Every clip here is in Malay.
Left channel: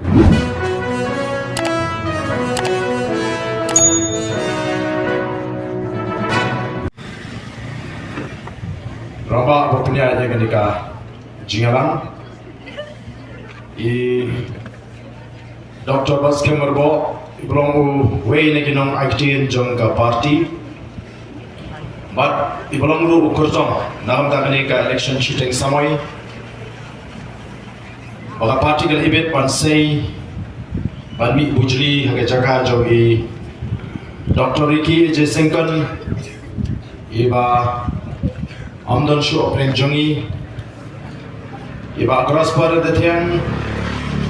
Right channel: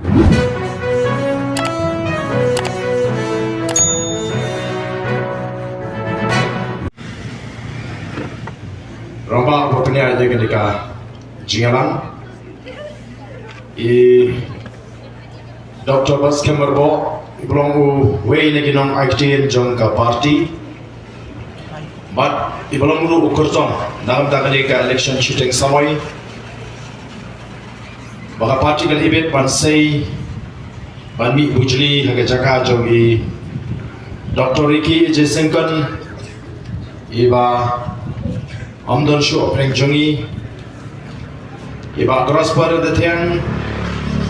Ramba bapanya aja ketika jingalan Dr. Baskem Merbo belum way lagi nong aktif jong ke parti, but belum lu ukur jong dalam tanggal ke election shooting samai, baka parti kali ibet pansai, banmi bujli haga jaga jong Dr. Ricky Jesengkan, iba Amdan Show Peng Jongi, iba keras pada detian,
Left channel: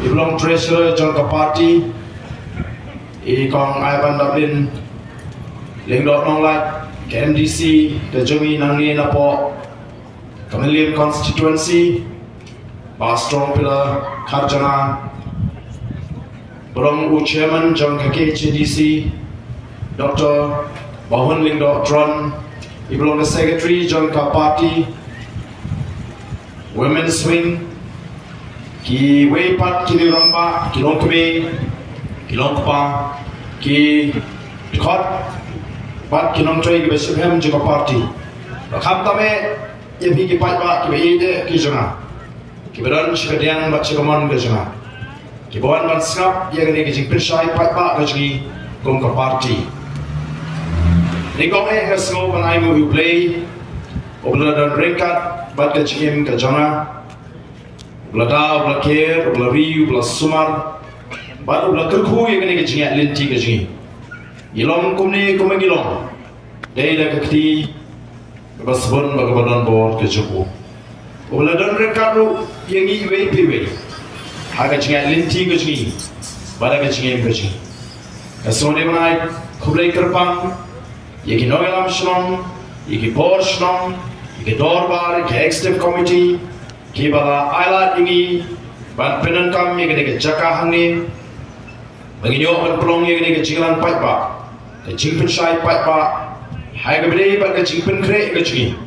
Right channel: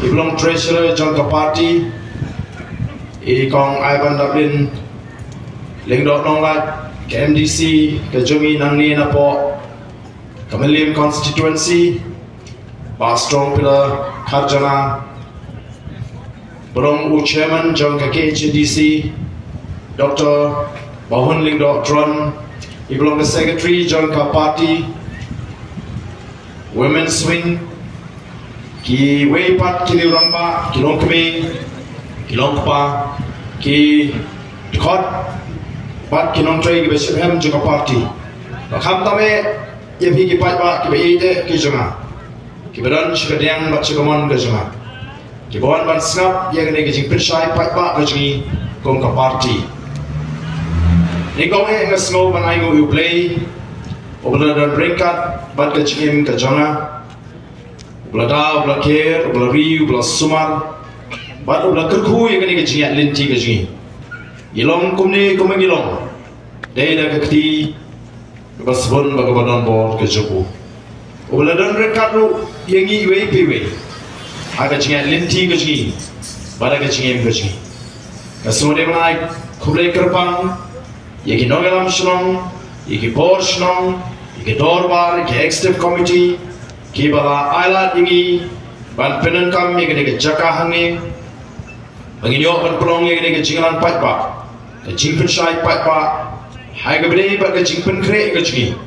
iblong treasurer jangka parti, kong Ivan Dublin, lengdok nonglat ke MDC ke Jongi nangni napo, Kamelian constituency, ba strong pillar Karjana, belong chairman jangka KHDC, Dr. Bahun lengdok Tron. Ibelong the secretary jangka party, women's wing, ki weipat ki lomba, ki longkemi, ki longpa, ki kot, bat ki nongtoi ki besibhem jangka party. Bakam tame yebi ki patba ki beide ki janga, ki beran shibediang bat shikamon ke janga, ki bawan bat snap ye gane ki jingpin shai patba ke jangi jangka party. Ikaw ngasno manay mo play obla don ringkat bat ka chim ka janga obla da obla ker obla ri obla sumar bat obla kerku yang ni ka jinga linti ka jingi ilong kumni kumangilong dai da kakti basbon bagabadon bor ka jupu obla don ringkat ru yang i wei piwe haga jinga linti ka jingi bala ka jingi ka jingi kasno de manay kublai kerpang Yeki Nogelam Shnong, Yeki Bor Shnong, Yeki Dorbar, Yeki Executive Committee, Kibala Ailat Yeki, Ban Penankam Yeki Neke Jaka Hangi, Banginyo Ban Pelong Yeki Neke Jingalan Patba, Ke Jingpen Shai Patba, Hagabde Bat Ke Jingpen Kre Ke Jingi,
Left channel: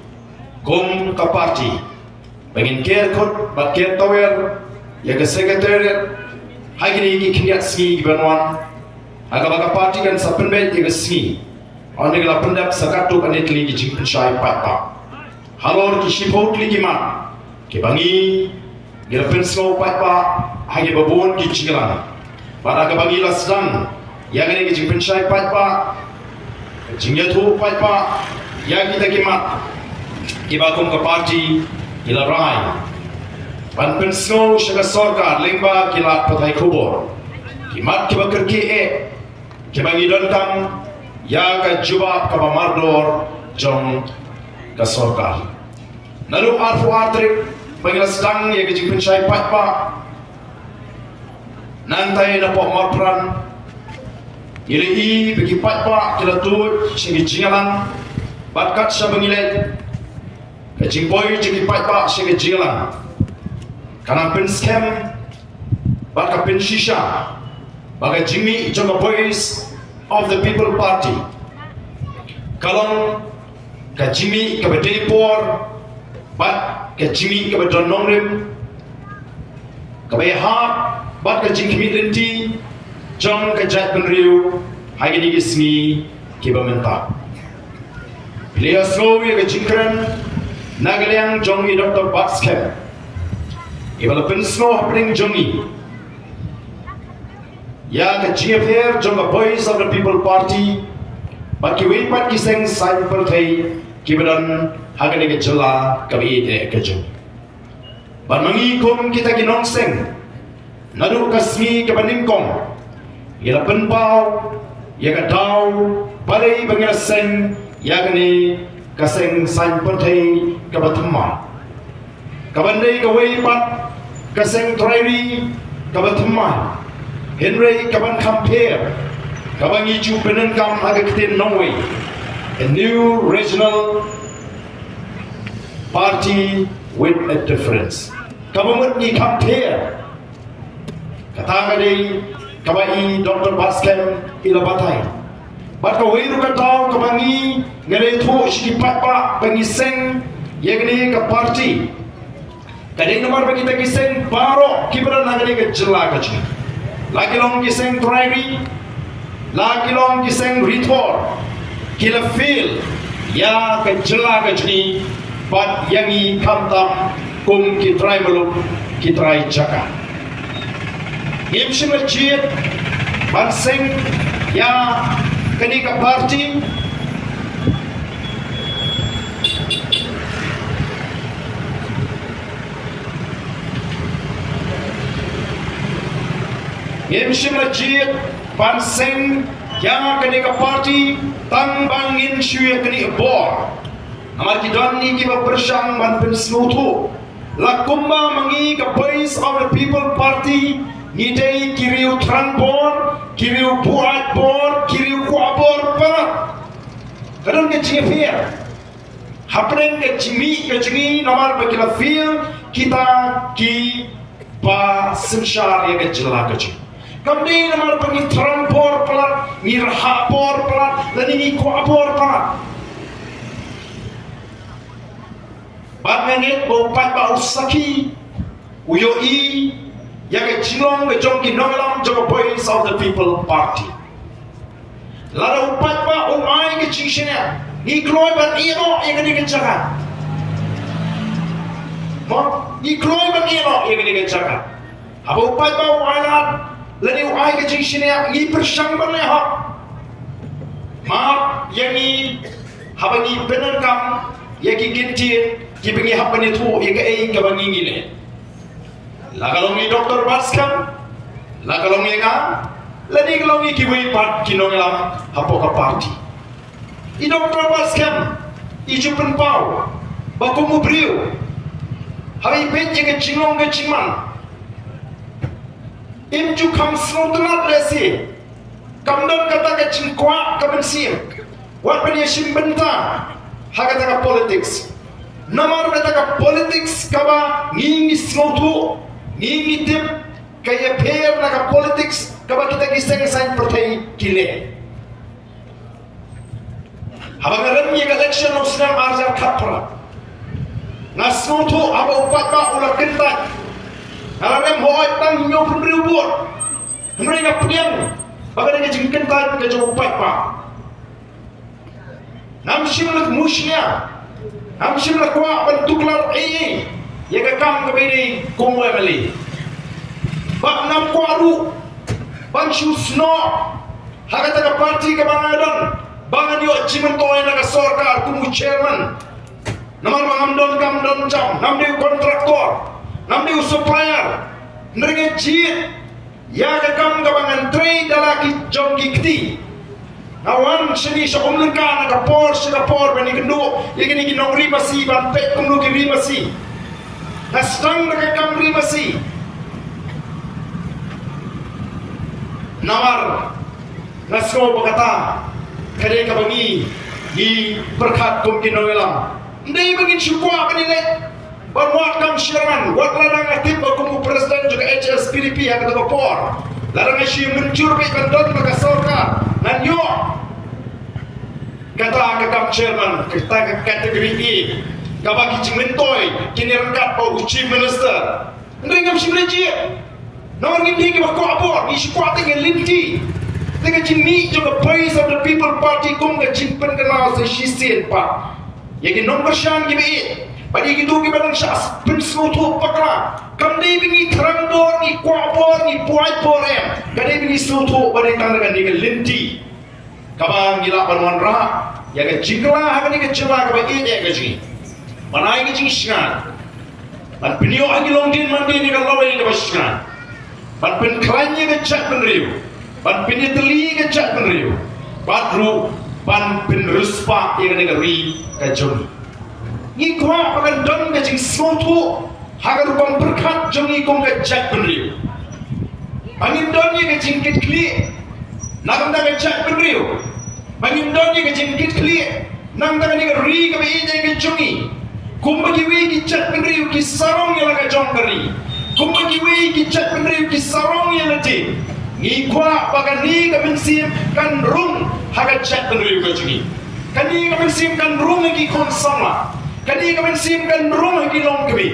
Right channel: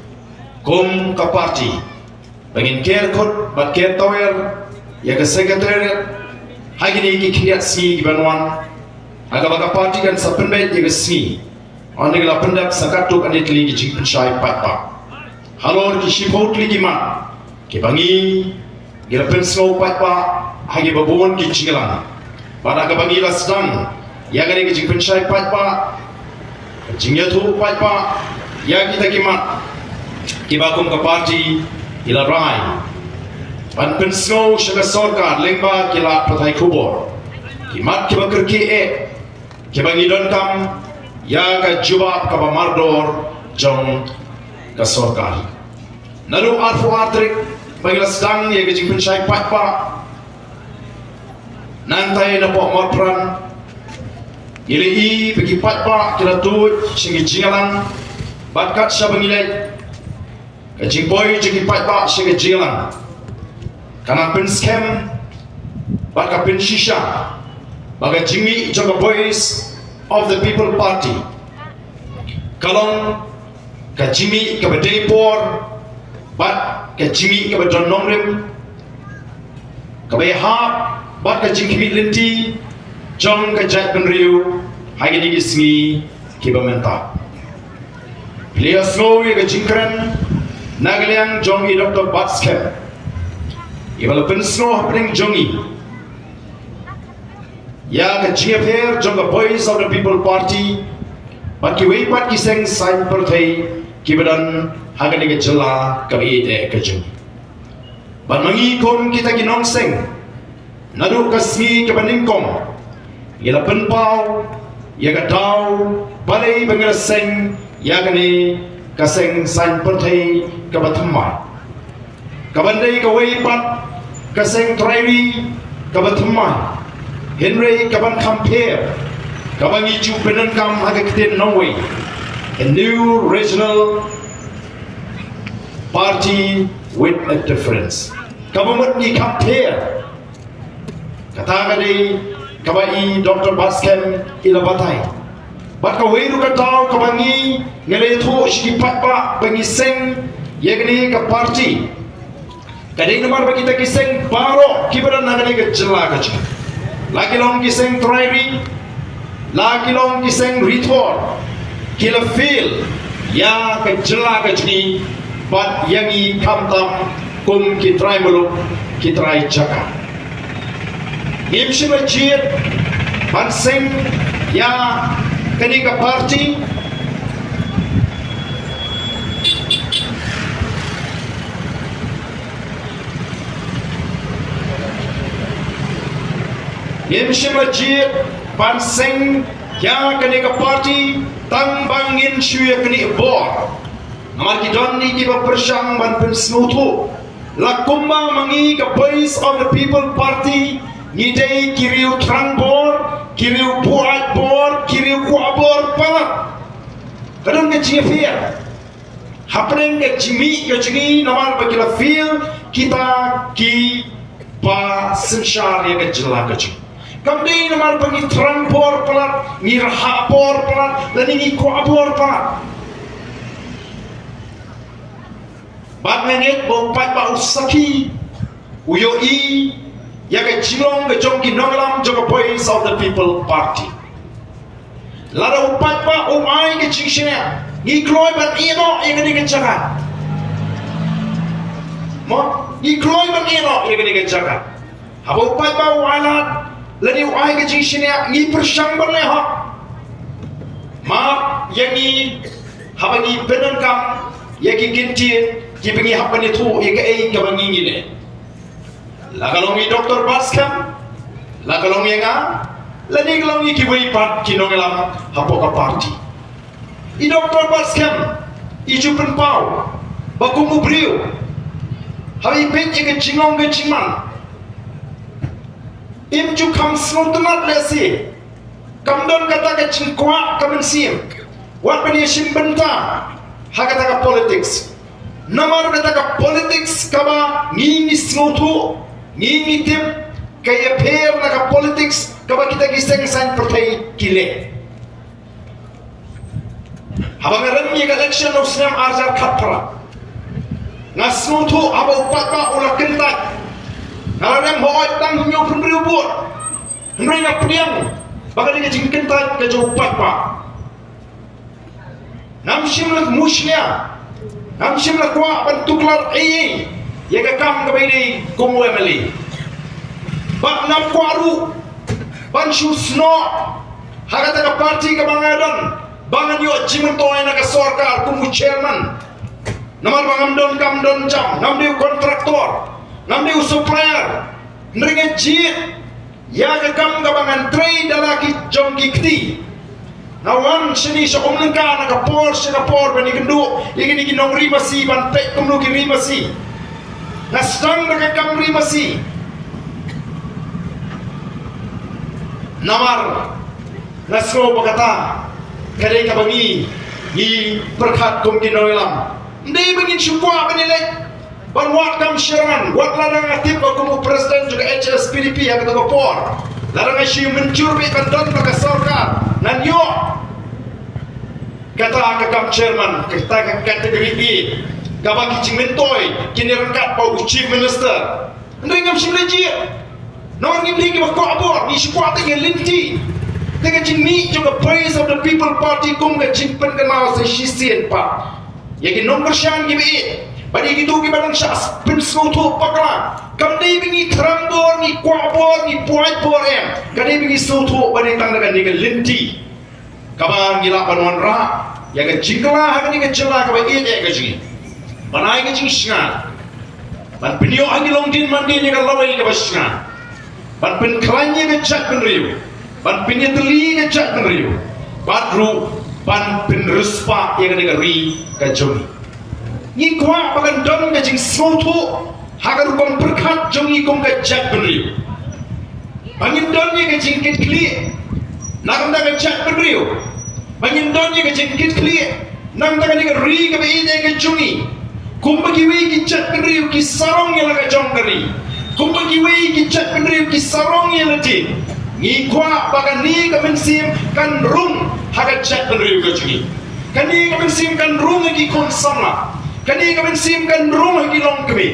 Kum Ka Party, Bangin Ker Kut Bat Ker Tawel, Yeki Secretariat, Hagini Yeki Kriyat Sni Banwan, Hagabaka Party Kan Sapenbet Yeki Sni, Ane la pendak sakatuk ane kli ki jingpen shai patpa. Halor ki shipot li ki mat. Ki bangi gira pensau patpa hagi babon ki jingalan. Pada ka bangi la sedang ya gane ki jingpen shai patpa. Jingyatu patpa ya kita ki mat. Ki bakum ka parti ila rai. Ban pensau shaga sorkar lengba ki la patai kubor. Ki mat ki bakar ki ki bangi don kam ya ka jawab ka mardor jong ka sorkar nalu arfu atrik bagla sedang ya ka jingpen shai patpa nantai na po marpran iri i bagi patpa kila tu sigi jingalan bakat sa bangilay ka jingboy jigi patpa sigi jingalan kanang pin scam baka pin shisha baga jingi jong boys of the People Party. Kalong kajimi kabadei por, bat kajimi kabadon nongrim, kabayahap, bat kajimi linti, jong kajat penriu, hagini ismi kibamenta. Pilihan snow yang kajingkran, nagaliang jongi Dr. Baskem. Ibalapin snow happening jongi. Ya ka GFR jonga Voice of the People Party baki wei pat kiseng sign partai kibadan hagane ke jela kabi de kajung ban mangi kom kita ki nongseng nadu kasmi ke baningkom ila penpau ya ka dau balai bangala seng ya kani kaseng sign partai ka bathmai kabandai ka wei pat kaseng trairi ka bathmai Henry kaban compare kaban iju penankam hagakitin Norway a new regional party with a difference kabamut ni compare kataga dei kabai Dr. Baskem ila batai bat ka weiru ka tau kabangi ngale thu shi patpa bangi seng yegni ka party kadai nomor bagi ta kiseng baro kibadan nagale ka jela ka chi lagi long kiseng trairi, lagi long kiseng ritor, kila feel ya kejela kejni, bat yangi kamtam kum kitrai meluk kitrai jaka. Imsi majid banseng ya kenika parti Imsi majid banseng ya kenika parti tang bangin syuya keni bor amar kidon ni kiba persang ban pensnutu lakumba mangi ka voice of the people party ni dei kiriu tranbor kiriu buat bor kiriu kuabor pa kadang ke jifia hapnen ke jimi ke jini namar bagila feel kita ki pa sensyar ya ke jelagaji kamdi namar bagi tranbor pelat ngirhapor pelat dan ini kuabor pelat bat menit bopat ba usaki uyoi ya ke jilong ke jongki nongalam joka voice of the people party lada upat ba umai ke jishnya ni kloi bat ino yang ke jaga mo ni kloi bat ino yang ke jaga haba upat ba walat lani umai ke jishnya ni persang berleha ma yang ni haba ni benan kam ya ki ginti ki bengi hapani tu ya ke ai ka bangi ngine la kalong ni doktor baskam la kalong nga la ni kalong ki bui pat ki nongelam hapo ka party I doktor baskam I jupen pau ba kumu brio hai pet ke jingong ke jingman im ju kam snotlat lesi kam don kata ke jingkwa kam sim wat bani sim benta hakata ka politics namar kata ka politics kaba ngingi sngotu ngingi tip kaya pair na ka politics kaba kita giseng sign pertai kile habang ren ni election of snam arjar khapra ngasnutu aba upat ba ula kentak ngaram hoy tang nyo pundri buat hmri na priang baga ni jing kentak ke jo upat ba nam shimlak mushnya nam shimlak wa bantuklar ai ya ka kam ka bai komo emali ba nam kwaru ban shusno hagata ka party ka bangadan bangan yo jimen to na ka sarkar kumu chairman namar bangam don kam don jam nam diu kontraktor nam diu supplier nringe jit ya ka kam ka bangan trade dalaki jongki kti nawan sini sa umlengka na ka por Singapore bani kendo igini ginong rimasi ban pek kumno ki rimasi nasang na ka kam rimasi namar nasko bagata kare ka bangi ni perkat kum kinoilam ndai bangin syukwa kanile ban wat kam sherman wat ladang aktif ko kumu presiden juga HSPDP yang ketua por ladang asyik mencur be kandon maka sorka nan yo kata ka kam chairman kita ka kategori B ka bagi cimentoi kini rangkat pa chief minister ndai ngam sinaji no ngim ni ko abor ni syukwa tengen linti dengan jimi juga voice of the people party kum ga jimpen kan mau se shisien pa yagi nomor shan gibi bagi gitu ki balang syas prinsip tu pakla kam dei bingi trambor ni kwabor ni puai porem kadai bingi sutu bari tang dengan ni linti kabang gila panwan ra yaga jingla ha ni ke chela ka bai e ga ji banai ni jing shan dan pinio angi longdin mandi ni ka lawai ni bashan ban pen klanya ke chat pen riu ban piniteli ke chat pen riu badru ban pen ruspa yang negeri ka jong ni kwa bagan don ga jing sutu hagar kon berkat jongi kong ga chat pen riu bangin don ni ga jing kit kli nagam da ga chat pen riu bangin don ni ga jing kit kli nang da ga ni ga ri ga bi de ga jongi kumbagi wi ki chat pen riu ki sarong ya la ga jong dari kumbagi wi ki chat pen riu ki sarong ya la ti ni kwa bagan ni ga mensim kan rum haga chat pen riu ga jongi kani ga mensim kan rum gi kon sama kani ga mensim kan rum gi long kami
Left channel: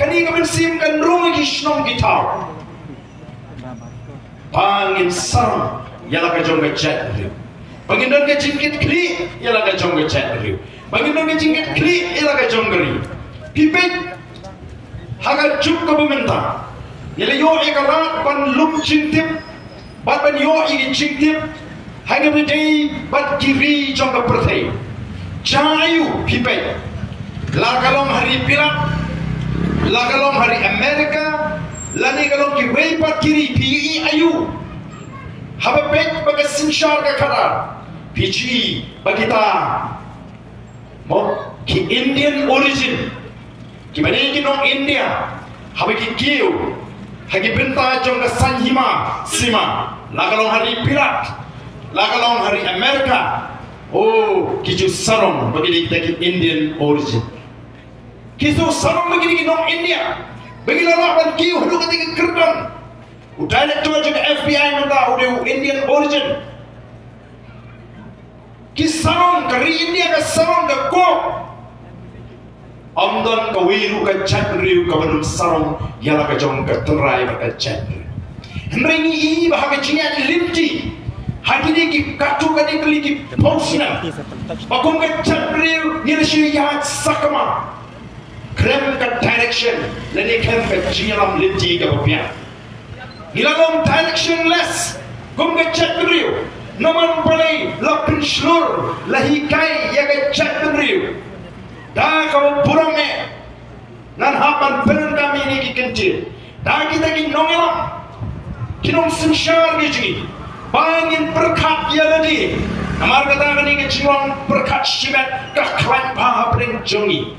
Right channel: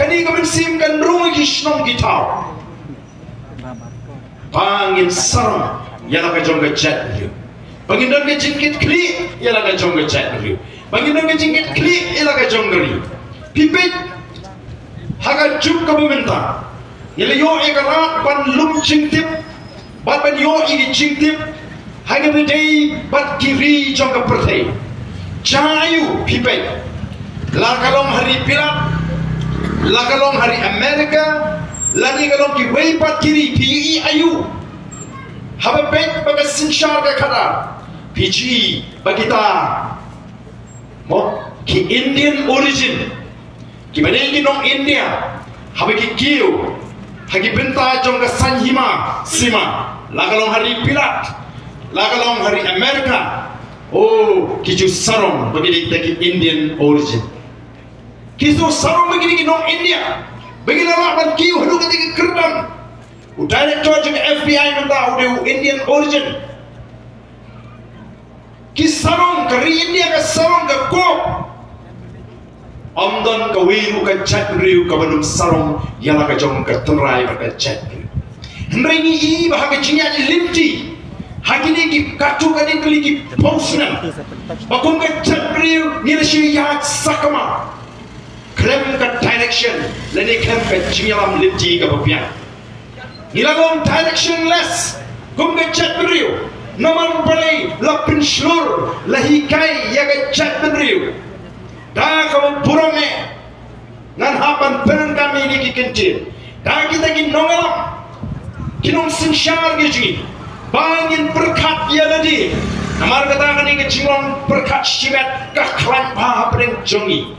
kani ga mensim kan rum gi shnong gi tau Pangin sarang ialah kajong kecet beliau. Pangin dan kecingkit kli ialah kajong kecet beliau. Pangin dan kecingkit kli ialah kajong geri. Pipit haga juk ka pemerintah. Ialah yo ekarat pan lum cingtip, bat pan yo igi cingtip. Haga bedai bat kiri jong ka pertai. Cayu pipit. La kalong hari Pilat, la kalong hari Amerika, lani kalong ki wei pat kiri pi ayu. Haba bet baga sinshar ka kadar. PG bagita mot ki Indian origin. Ki bani ki nong India. Haba ki kiu. Hagi benta jong ka sanhima sima. La kalong hari Pilat, la kalong hari Amerika. Oh, kiju sarong bagi ki Indian origin. Kisah sarung begini nong India, begini lawan kiu hendak ketika kerdan. Udah George FBI mentah udah Indian origin. Kisarong kari India ke sarung ke kok. Amdan ke wiru ke cakriu ke belum sarung ialah ke jong ke terai ke cakriu. Henrengi ini bahagia cinya limti. Hati ni ki katu ke di keli ki pausnan. Bakum ke cakriu ni resi yahat sakama. Klem ke direction, lani klem ke cialam limti ke bapian. Nilagong directionless, gum ke chat beriu. Naman palay la pinslur, la hikay ya ke chat beriu. Dah kau burung me, nan hapan peren kami ni kikentil. Dah kita ki nongalam, kinong sinsyar giji, bangin berkat ya ladi. Namar kata kani ke ciwang berkat simet kaklan paha pereng jongi.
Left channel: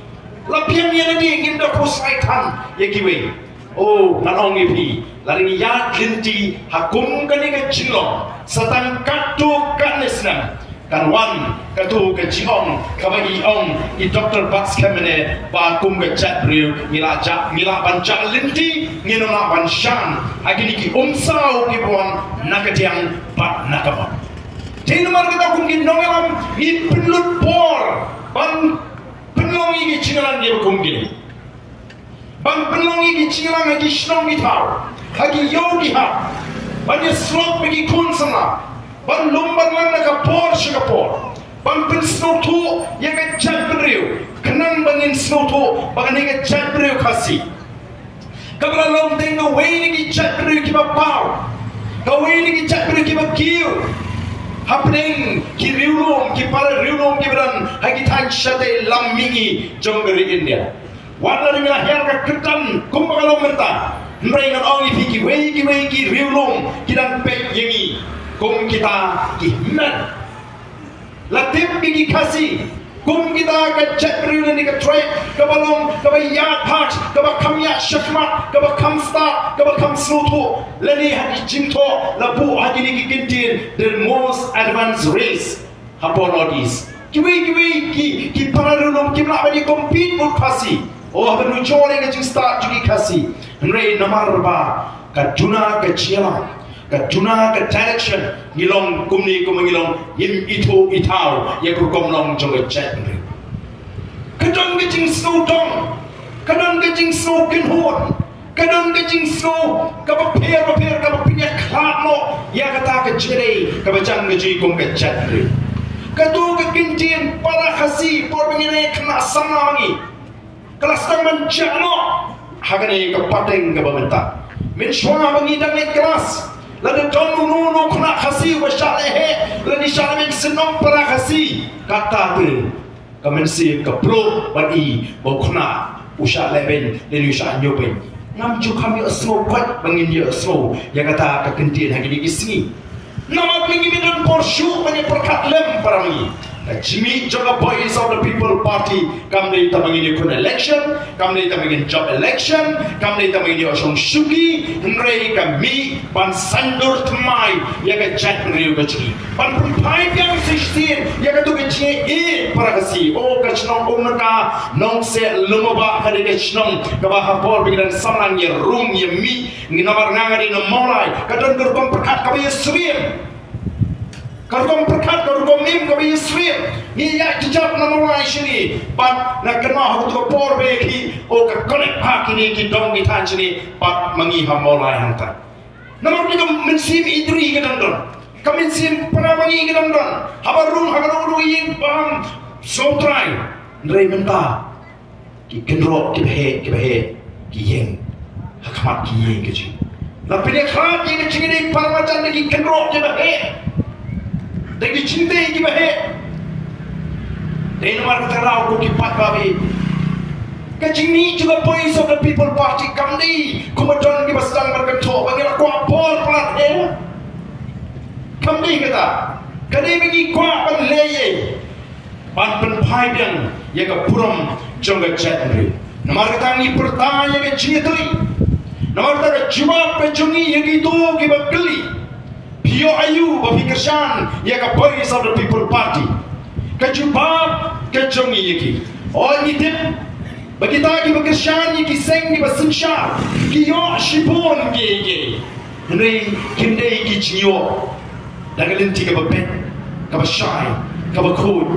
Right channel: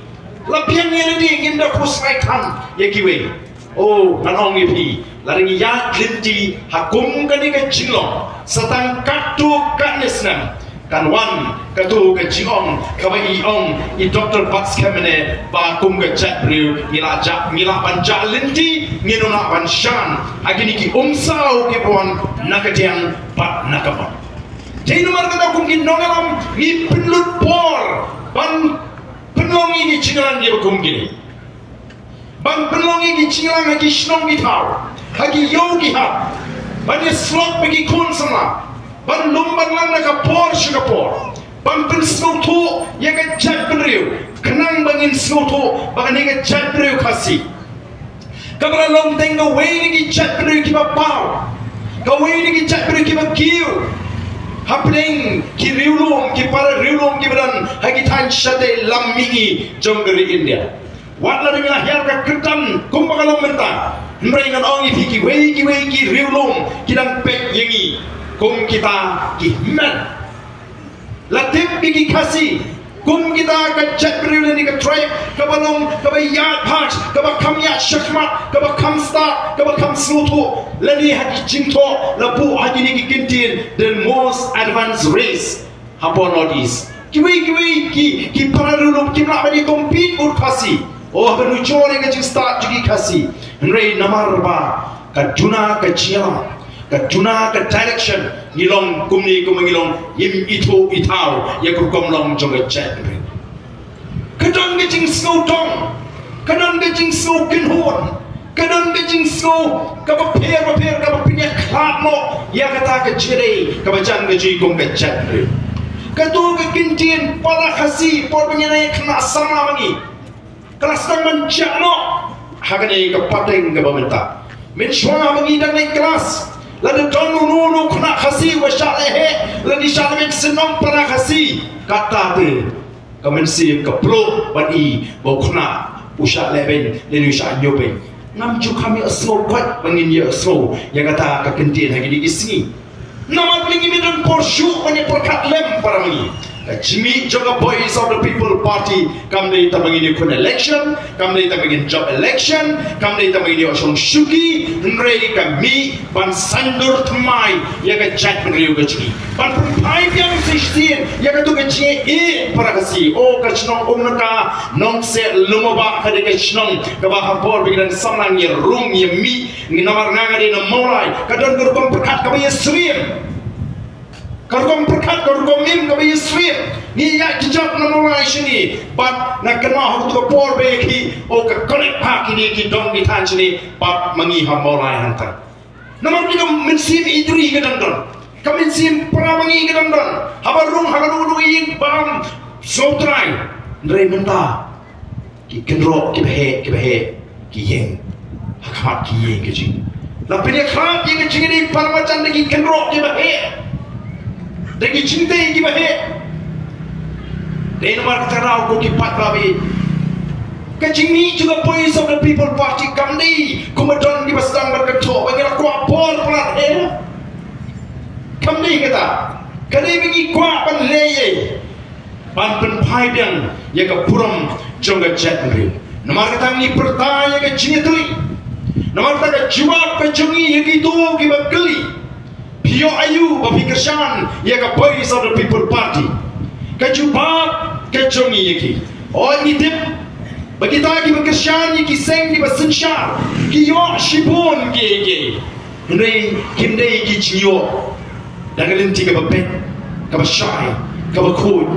Lapian yang ini kita kusaikan ya kiwe. Oh, nanong ipi. Lari ya kinti hakum kani ke cilong. Setang katu kanisnan. Kan wan katu ke cilong. Kaba iong i Dr. Bats kemene bakum ke chat briu. Mila panjak linti nginunga wan shan. Agini ki umsau ki buan nakatiang pat nakapan. Jadi nomor kata kumkin nongelam ni penlut por. Ban penlongi ni cinalan dia berkumgini. Bang penlongi ni cinalan lagi senong ni tahu. Lagi yogi ha. Bang slot bagi kun sama. Bang lumban lang nak por suka por. Bang pen snow tu yang ke chat penriu. Kenang bangin snow tu bang ni ke chat penriu kasih. Kabla long tengah way ni chat penriu kiba pau. Kau way ni chat penriu kiba kiu. Happening ki riulum ki para riulum ki badan hagi tan shade lammingi jonggeri India. Wat la dengan her ka ketan kumbagalong menta. Meringan ongi ki wei ki riulum ki dan pek yengi kum kita ki men. Latip ki kasih kum kita ka chat riulum ni ka try ka balong ka bayat part ka ba kamya shakmat ka ba kamsta ka ba kamsutu lani hagi jingto labu hagi ni kintin the most advanced race upon northeast kiwi ki para riulum ki nak bagi compete ur kasih. Oh, apa nujol yang kita start jadi kasih. Henry namar ba kajuna kaciam, kajuna ke direction. Ngilong kumni kumangilong yim itu itau ya kukom long jong chat. Kadang kecing snow dong, kadang kecing snow kinhon, kadang kecing snow kapaper kapapinya klamo ya kata keciri kabajang keji kum chat. Katu kekincin pala kasih por pengenai kena sama mangi. Kelas tang mencakno hagane ke pateng ke pemerintah mensyua mengidang naik kelas lalu donu kena khasi wa syalehe lalu syalehe senong para khasi kata tu kemensi ke pro bagi bokna usah leben lalu usah nyobe ngamju kami aslo kuat bangin ya aslo yang kata kekentin hari di sini nama mengi dan porsyu pada perkat lem para mengi Jimmy Joga Boys of the People Party kami kita begini kun election, kami kita begini job election, kami kita begini osong suki, henry kami ban sandur temai ya ke chat beriu kecil, ban perpai yang sistem ya ke tu kecil para kasih, oh kecilong umnaka nong set lumaba kade kecilong kaba hapor begini samlang ya room ya mi ni nomor ngangade no mulai kadon gerbang perkat kami ya sering. Kargom perkat kargom mim kabi Israel ni ya kijab na mulai sini bat na kena aku tu por beki o ka connect pak ini ki dong ni tan sini bat mangi ha mulai hantar Namun kita mensim idri kadang-kadang, kami mensim perawangi kadang-kadang, habarung ing bam sotrai, ndrai mentah, ki kendro ki behe ki yeng, hakamat ki yeng kecing. Tapi dia kerap yang kecing ini para macam lagi kendro ki behe, lagi cinta ki behe. Dan nomor kita rau ko ki pat kami. Kecing ni juga Voice of the People Party kami kumadon di basang berketok bagi aku apol pelat kami kata kami bagi kuat pan leye pan penpai yang ke puram jangga chat ni nomor kita ni pertanyaan ke cini tuli nomor kita jawab ke jungi yang itu kita geli Pio Ayu berpikir syan ke Voice of the People Party ke jawab ke jungi yang itu oh ini bagi kita berkesian ki seng di bersensyar ki yo shibon ki ndai kimdai ki chiyo dagalin tiga bepet ka bashai ka bakut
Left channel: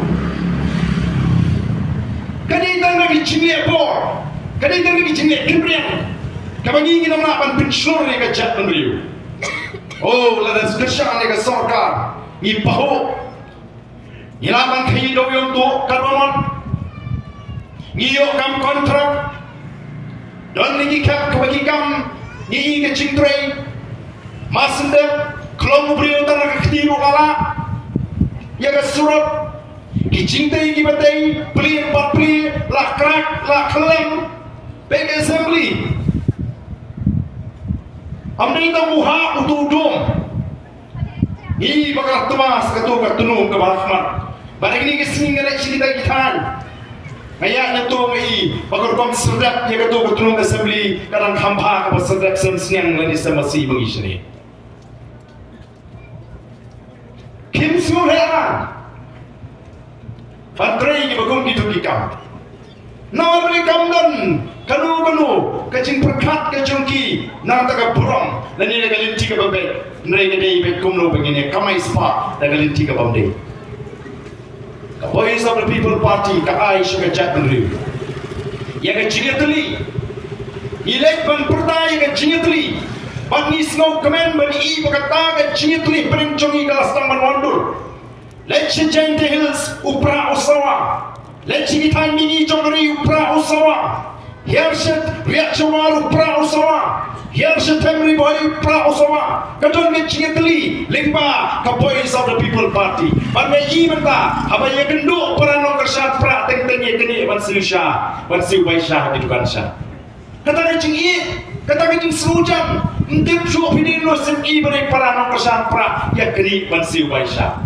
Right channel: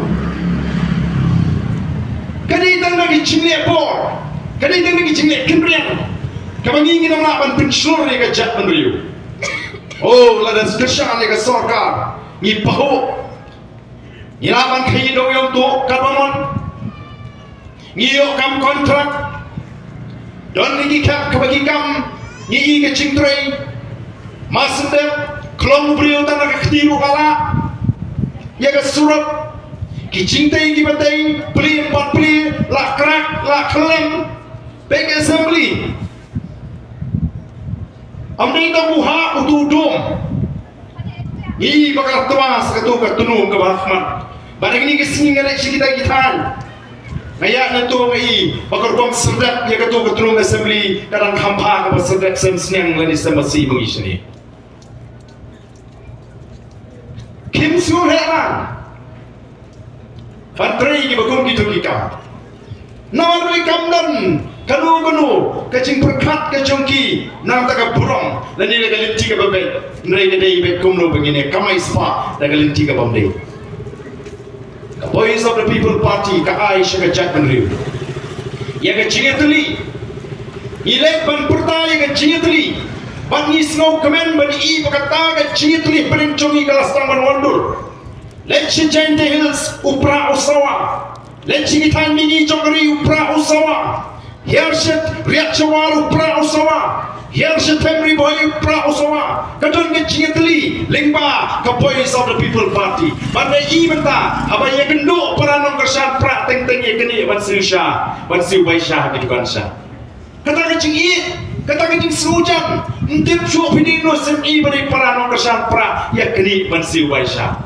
kadi tang lagi chingle por kadi tang lagi chingle kimrian ka bangingi na mapan pensyur ni ka jat menuriu oh la das kesyan ni ka sarkar ni paho ni naman kayi daw yung tuok katamon ngiyo kam kontrak dan lagi kap kebagi kam ngi ke cingtrai masendep klong brio tan ka khtiru kala ya ka surat ki cingtai ki batai pli empat pli la krak la klem beg assembly amni ta buha utudum ngi bakal tuas ka tu ka tunu ka bahman barang ini kesingan kita gitan Ngayak na to ay pagkarbang sedap ya kato katulong assembly darang hampa ka sedap semsniang lani sa masih mengisini. Kim Siu Heran Pantrai ki bagong gitu kikam. Naman beli kamdan kanu kacing perkat kacungki nang taga burong lani nagalinti ka babay nrai nadai bet kumno begini kamay spa nagalinti ka babay. The Voice of the People Party ka Aisha ka Jack Menriu ya ka cingetuli ilek ban purta ya ka cingetuli ban ni snow kemen ban i pakata ka cingetuli perincongi kalastang ban wondur letsi jente hills upra usawa letsi gitan mini jogri upra usawa Hershet riak cawar upra usawa Hershet family boy upra usawa kadon ka cingetuli lingba ka Voice of the People Party pada ibenta apa yang genduk peranong kersat pra teng-teng ye keni ban siusha ban siu baisha gitu kan sha kata kecing i kata kecing serujang ntip chu pini no sem i bari peranong kersat pra ya keni ban siu baisha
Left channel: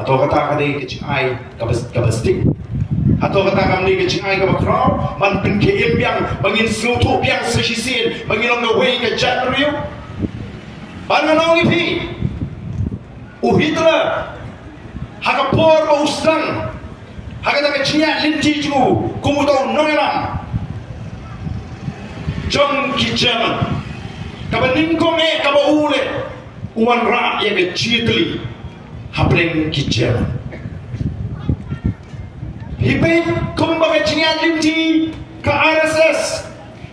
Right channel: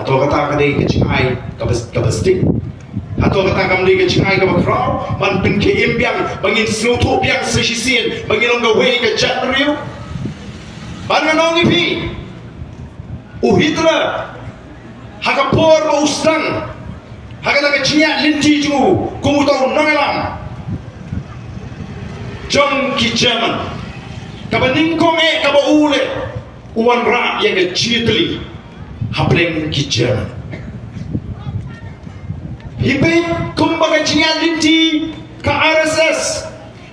atau kata kadai kecing ai ka bestik atau kata kami kecing ai ka bakrau ban pengke imbiang bangin snotu biang sesisin bangin long way ka Jack Menriu ban nganong ipi uhitra hakapor mo uslang hakata kecinya linti ju kumutaw nangalam jom ki German kabaningkong kabaule uwan ra yang kecitli hapleng ki German hipe kumbaga kecinya linti ka RSS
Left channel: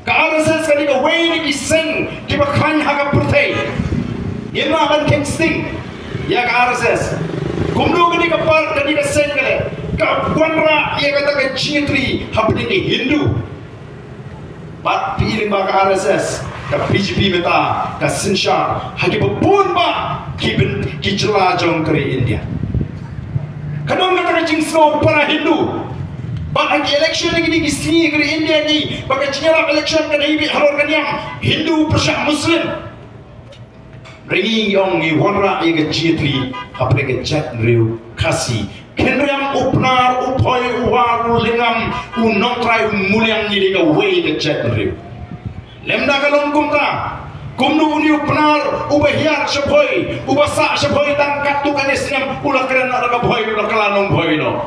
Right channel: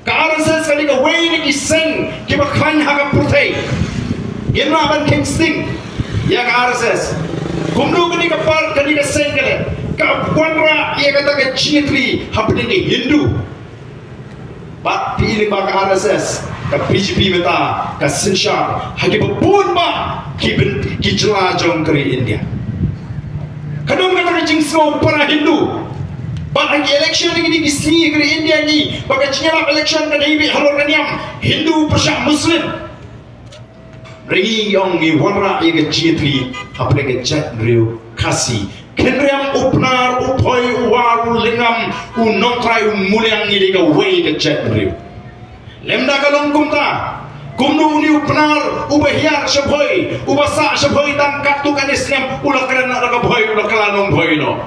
kali ka way ni sing kibakan hakapurtay yenra ban kingsting ya ka RSS kumdu kani kapal kani ka sengkale ka wanra ya kata ka chitri hapni ki Hindu bat pilih ba ka RSS ka BJP meta ka sinsha hagi babun ba ki jela jong kari India kadon kata ka jingsno para Hindu ba hagi election ni ki sni kari India ni baka chira election ka dai halor kaniam Hindu persya Muslim Ringi yong ni wanra iga chitri apne ke Jack Menriu kasi kenriam upnar upoi waru lingam unongtrai muliang ni diga way ke Jack Menriu lemda kalong kumta kumnu ni upnar ubahiar syabhoi ubasa syabhoi tang kaptu kanisnyam ula kerana laga bhoi ula kalanong bhoi no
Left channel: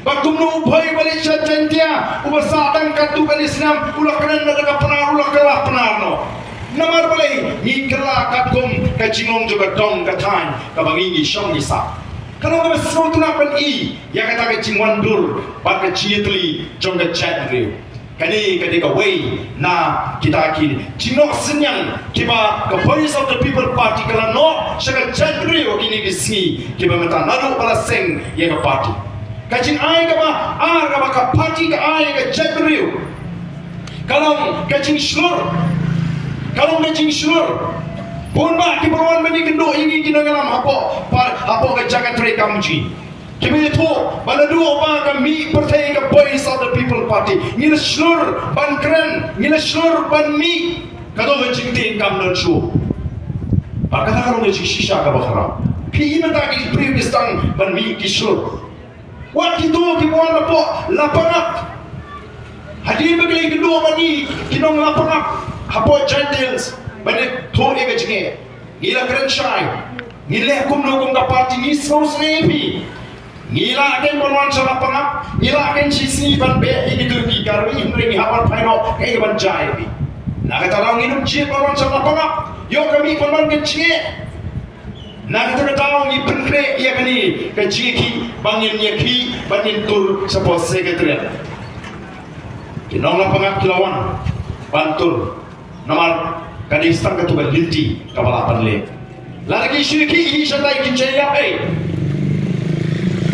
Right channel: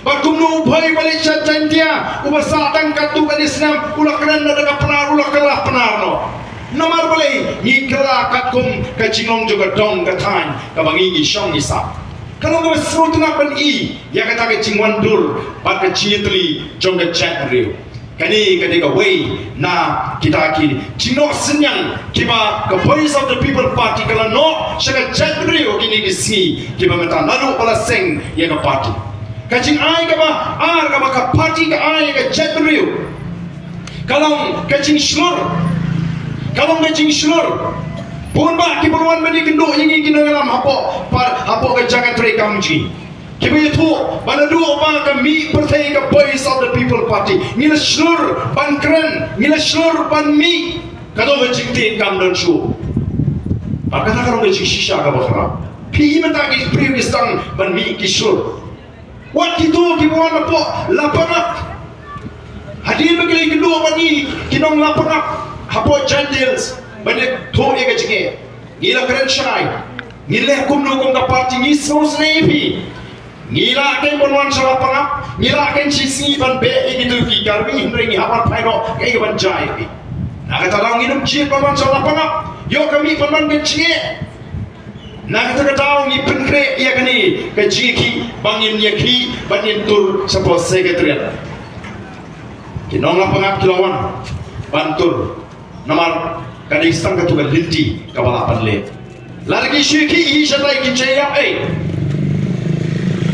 bakumnu bhoi balik jantia ubasa tang kaptu kanisnyam ula kerana laga penar ula kalah penar no namar balai ngikala kakum kacingong juga dong katang kabangi syong nisa kalau nggak semua tengah pen i ya kata kacing wandur pada cintli jong Jack Menriu Kani ketika way na kita kini cino senyang kiba the voice of the people party kalau no syakat jadri kini disini kiba menta nalu pala seng ya ke party kacing ai kaba ka party ka ai ka jadri kalau kacing slur pun ba kibaruan mani kendo ini kini ngalam hapo ka jagat rei kamji Kami itu mana dua apa kami percaya ke voice of the people party. Nila slur ban keren, nila slur ban mi. Kado ngecing tin kam dan show. Pakata kalau ngecing shisha ka bakara. Pi mata ki previous tang ban mi ki slur. Wat itu kibuan apa lapanap. Hadi begini kedua bani kinong lapanap. Hapo jandils bani to ega jinge. Nila keren shy. Nila kumno ka party ni so sleepy. Nila akan berwan sama pengap, nila akan sisi ban be ini lagi karbi ini hafal payro kayak ban jai. Nak kata orang minum cie berwan sama pengap, yo kami berwan kecil. Nak kata orang ni penkre ia kani keciki bangin yaki bangin tur sepos sekretariat. Kinong la pengap kilawan bantur namar kani istang ketua linti kawalapan le. Lagi syuki isyadai kicaya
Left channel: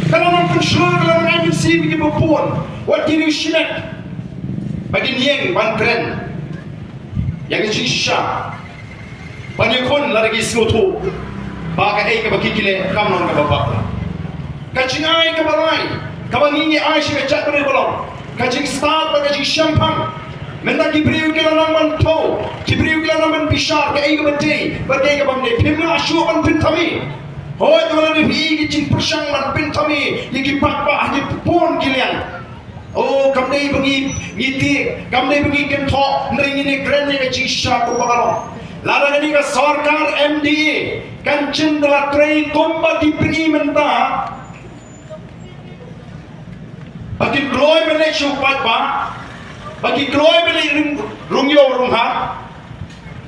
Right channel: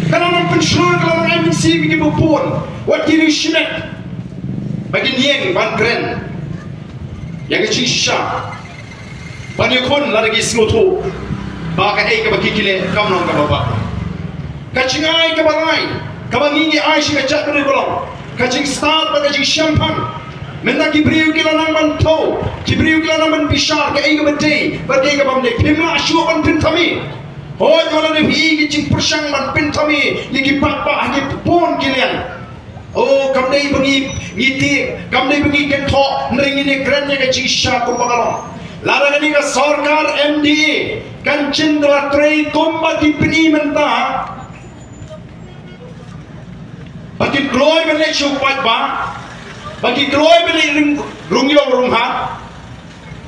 Kalau orang pensyur, kalau orang IMC begini berpuan, what kiri syinek, bagi nieng ban keren, yang kecil syak, banyak kon lagi senutu, bagi ke bagi kile, kamu nak bapak, kacing ai ke barai, kabangi ai syak cat beri belum, kacing start bagi champagne, mendak kibriu kila nang mantau, kibriu kila nang bishar, ke ai ke beti, bagi ke bangde, pima asyuk ban pintami. Oh, jualan lebih kicing persang man pentami, lagi patpah ni pun kilian. Oh, kamdai bengi ngiti, kamdai bengi kentok, nering ini kerennya kecing syaku bakalong. Lalu ni ke sarkar MDA, kan cendera tray tomba di peni mentah. Bagi kloy balik syupat ba, bagi kloy balik rungyo runghat,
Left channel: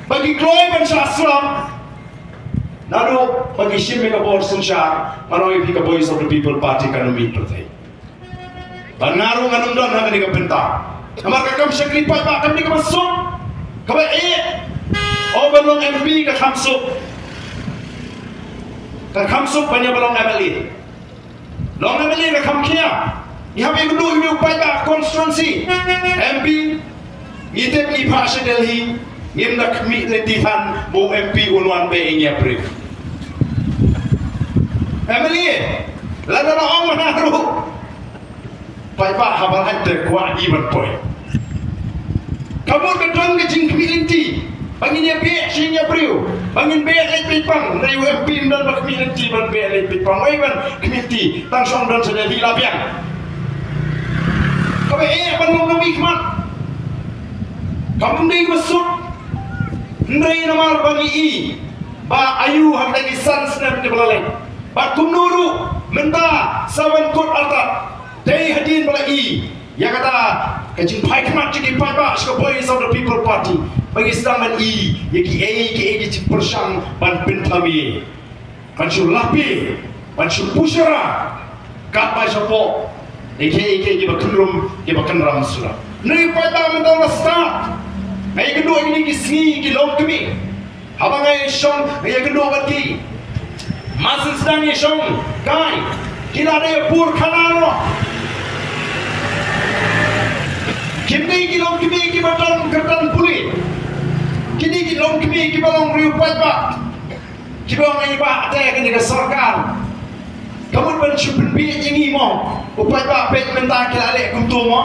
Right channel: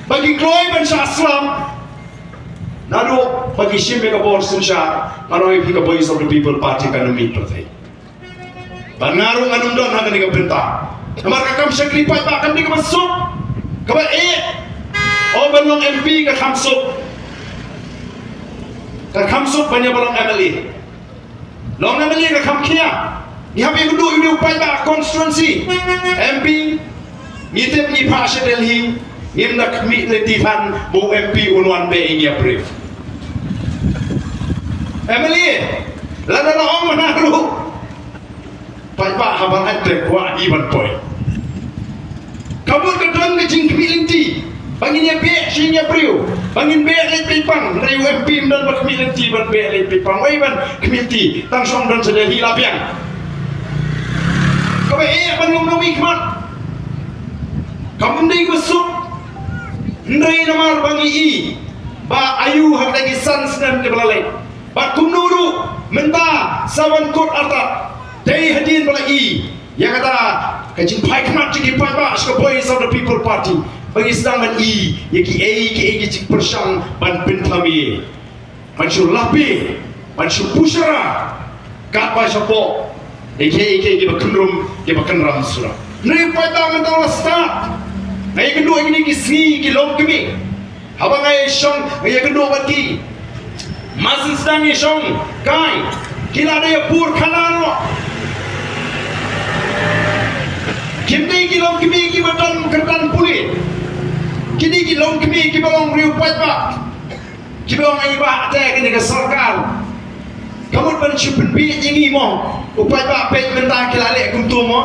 bagi kloy bangsa Islam. Lalu bagi Shimmy Kabor Sinsha, kalau ini ke voice of the people party kan umit pertai. Bangaru nganum don hang ni kapenta. Namar kakam sakri pat ba kam ni kamasuk. Kaba oh balong MP ka kamsuk. Ka kamsuk banyak balong MLA. Long MLA ka kamkia. Ni habi kudu ini upay ba constituency. MP ngitip ni Pasha Delhi. Ngindak mi letihan mo MP unuan be ini April. Emily, lada na ang manaro. Paipa habang ante kuat iban boy. Kamu kedon ke jing community. Bangin be sing April. Bangin be letipang na UMP dan community ban be letipang. Wai ban community tang song dan sedeli labiang. Kabe banung wikmat. Kamu ndai masuk. Ndai namar bangi ba ayu hak lagi sans dan de belalai. Ba kumnuru menta sawan kot atap dei hadin balai yang kata kajin pai kemat ciki pai ba ska voice of the people party bagi sedang man yaki cik persang ban pentami ban syur lapi ban syur pusara kat pai sapo eki bakundrum ke bakanram sura nei pai ta menta na start ngai kedua ini kisni kilom kemi habang ai song ngai kedua bagi Masih sedang isong, kai, kita ada yang pur kanal lo. Kini kilong kimi kibatong kertan puli, kini kilong kimi kibatong riupat pak, kibatong iba ada kini ke sarkar. Kamu pun cukup biar ini mo, upat pak pek mentah kilale kumtu mo,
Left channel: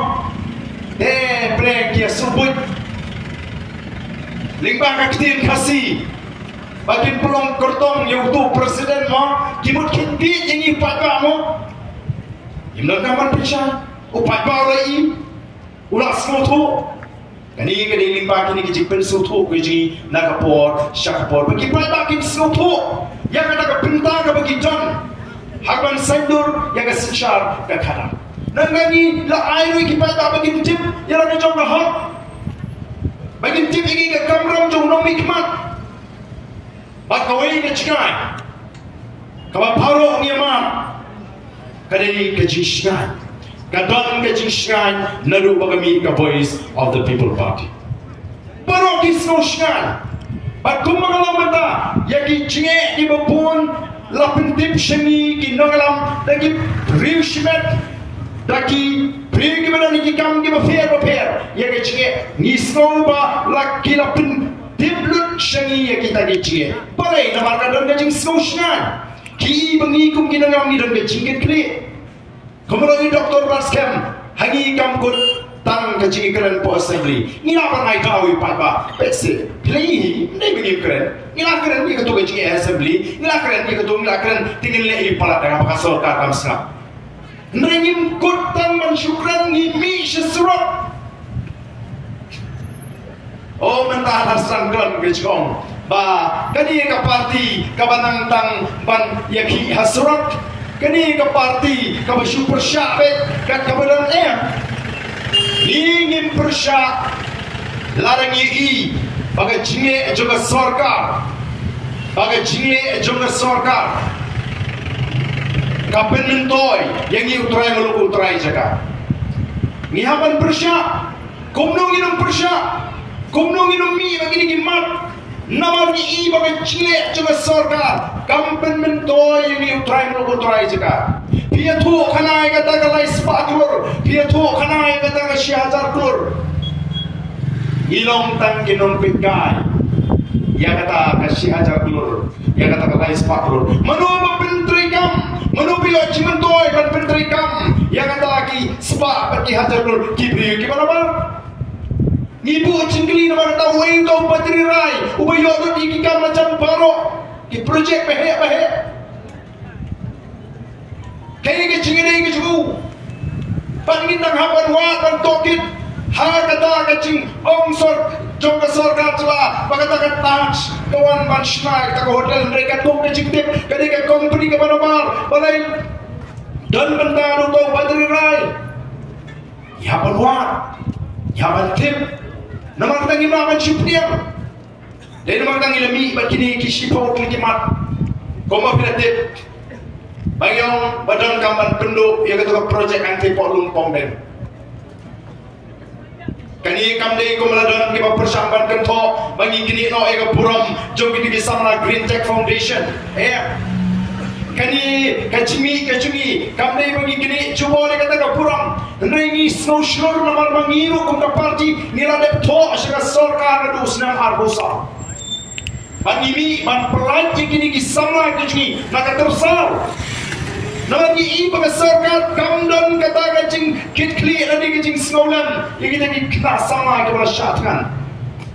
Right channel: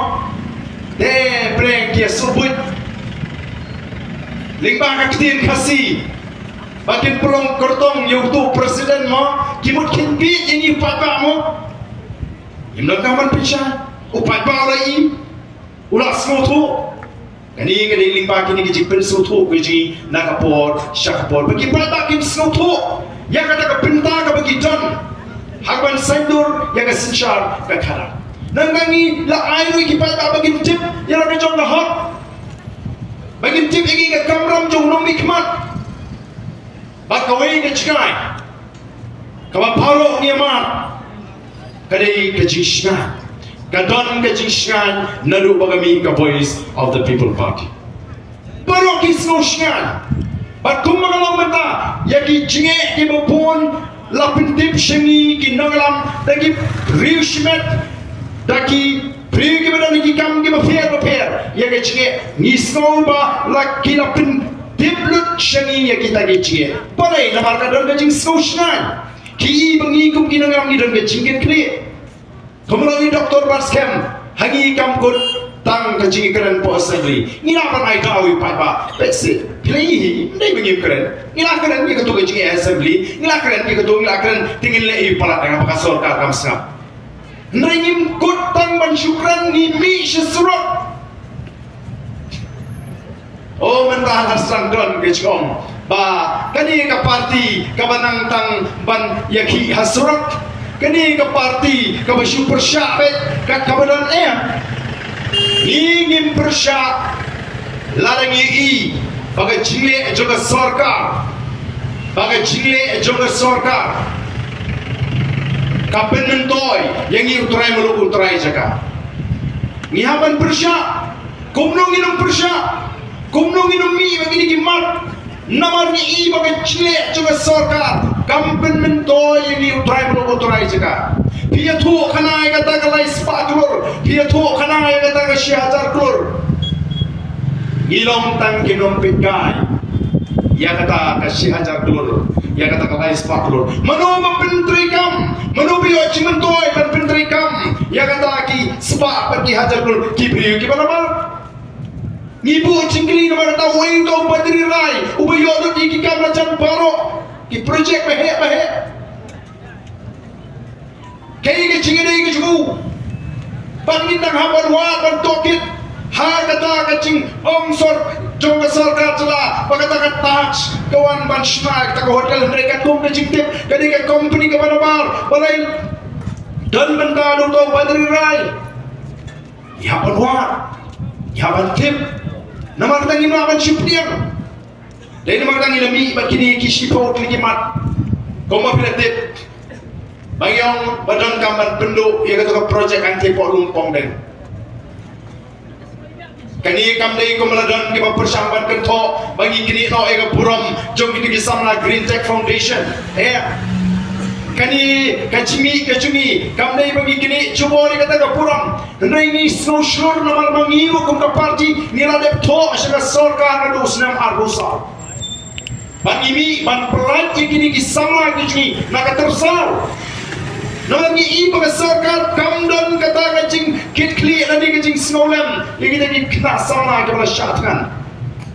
breng kia sebut, lingkang kaktir kasih. Bagi pelong kertong yang tu presiden mo, kimut kimpi ini upat ba mo. Imlang kaman pisah, upat ba lagi, ulas mo tu. Kani limpa kini kecik pensu tu, kecik nakapor, syakapor. Bagi upat ba kim snow tu, yang kata kepinta ke bagi don, hagwan sandur yang kesencar ke karam. Nangani la airu ikipat ba bagi tip, yang nak jong lahap. Bagi tip ini ke kamram jong nom ikmat. Bakawai ke cikai, kawan paro ni amat, kadai kecishna, kadon ka jingan nadu bagami ka voice of the people party pero kisnosyan pat kumangalang mata yagi jinge di bapun lapentip seni kinongalam dagi rishmet daki prigi badan ki kam ki bafer yagi jinge nisno ba laki lapentip lut seni yagi tagi jinge palai namar kadon ka jing snosyan ki bangi kum kinongalam ni don ka jinge kni Kemudian Dr. Baskem hangi kampun tang kecil keren po assembly. Nila pan ay kawi pa ba? Pexi. Play hindi begini keren. Nila keren ni ketua kecil assembly. Nila keren ni ketua nila keren tingin le pala dengan pakasor ka kamsna. Nringim kutang mensyukran ni mi sesurat. Oh mentah hasan kon kecom. Ba kani ka parti ka banang tang ban yaki hasrat. Kani ka parti ka super syapet ka kabadan ingin persyak larang i bagai jile juga sarkar ka penentoy yang i utrai muluk utrai jaga ni haban persyak kumnong inong persyak kumnong inong mi bagi gimat namar ni i bagai jile juga sarkar kampen mentoy ini utrai muluk utrai jaga pia tu kanai kata kalai spaklur pia tu kanai kata ka 1000 klur ilong tang ginom pikai ya kata ka 1000 klur ya kata kalai spaklur manu pentrikam manu pio cimentoy ban pentrikam ya kata lagi spa pati 1000 klur kibriu gimana bang ngibu cingkli na mana tahu kau patri rai ubayodo dikikan macam baro ki project bahe kaya ke cingiri ke cumu panginang haban wa ban tokit ha kata kacing ongsor jong ka sarkar cela pagkatakan tax kawan ban snack ta hotel mereka kum na jingtip kadi ka company ka manabar balay dan benda dong tong patri rai ya ban wa ya ban tip namang tangin naman syupriam dahil namang tangin lami bakini kisipo klimat koma pilatip Bayang badan kamar penduk yang kata projek anti pok lumpong deng. Kani kamdei ko maladon di persamban kento bagi kini no ega buram jong kini samla Green Tech Foundation. Kani kacimi kamdei bagi kini cubo di kata ka buram. Ndai snowshore namal mangiru kum ka parti nila depto asya sarkar adu snam arbusa. Bagi ban pelat kini di samla kini nakatersal. Nangi iba sarkar kamdon kata kacing kitli lagi kacing snowlam yang kita kita sama kita syatkan.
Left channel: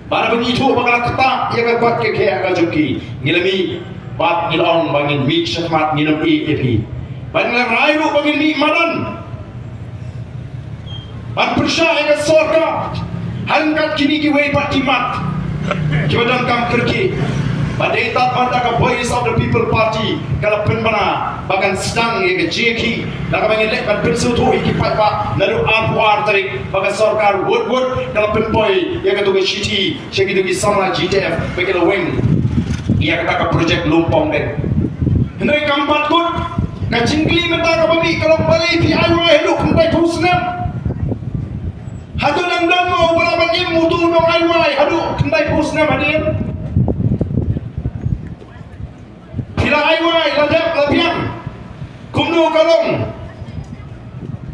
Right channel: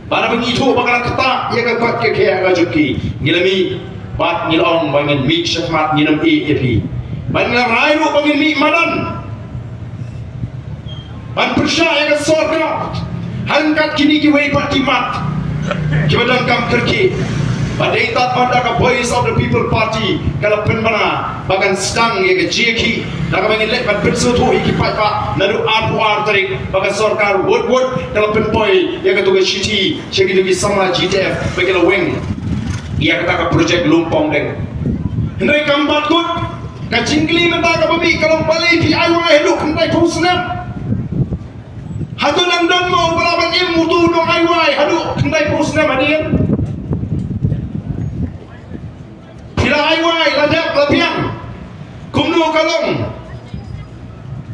Bana begitu bakal ketak ya kat ke kaya kajuki ngilami bat ngilong bangin mik syatmat nginam EAP. Ban ngarayu bangin mik madan. Ban persya ya sarkar hangkat kini kiwei patimat. Kibadam kam kerki. Padai tak pada ke voice of the people party kalau penmana bahkan sedang ya ke JK nak bagi lek kan pensutu ikipai pak lalu apuar tarik bahkan sarkar wood kalau penpoi ya ke tugas city jadi tu sama GTF bagi la wing ya kata ke projek lumpong deng hendai kampat tu kacingkli kata ke babi kalau balik DIY hidup kumpai pusnam hadu dan mau balaban im mutu dong DIY hadu kumpai pusnam hadir Ladap lapian kumno kalong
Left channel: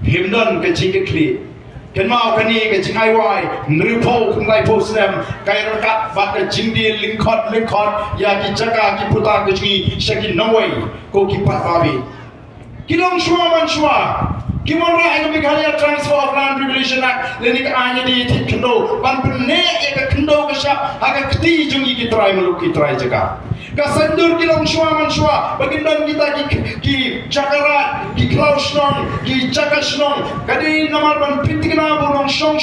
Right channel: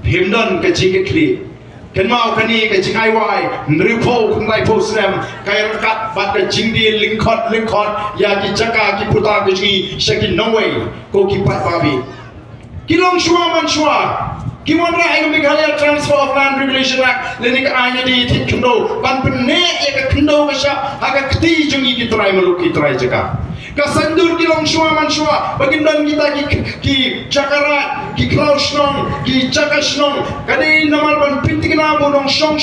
himdan kecik kli kan mau kani kecik aiwai nripo kumai posnem kaya rakat bat kecing di lingkot ya ki jaka ki puta kecik syakin nawai ko ki pat babi kilong shua man shua Kiwan ra ay Meghalaya Transfer of Land Regulation Act leni ka anya di kendo ban penne ya ka kendo ka sya aga kti jungi ki try maluki try jaga kasandur kilong shua man shua bagindan kita ki Jakarta ki Klausnon ki Jakasnon kadi namar ban pintik na bunong shong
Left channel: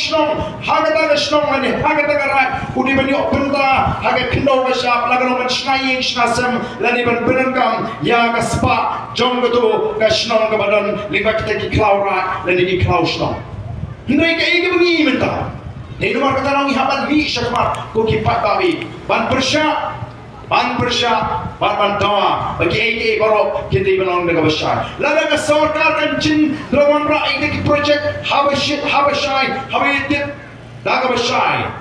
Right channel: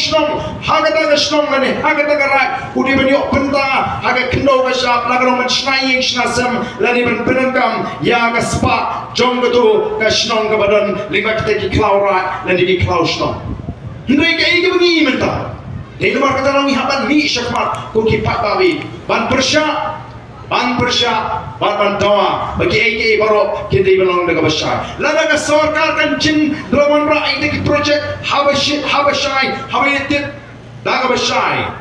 haga daga shnong mane haga daga rak udi bani openta haga kendo ka sya lagano man shnaying shnasem leni ban penankam ya ka spa jong betu ka shnong ka badan lingba kita ki Klaurat dan di Klausnon hendai ka igi bengi menta dai nomor kata nang haban mi syakmat ko ki pat babi ban persya ban persya ban tawa bagi AKA baru kita belong dengan besar lada ke sarkar kan jin lawan rakyat ini projek habashai habitit daga besar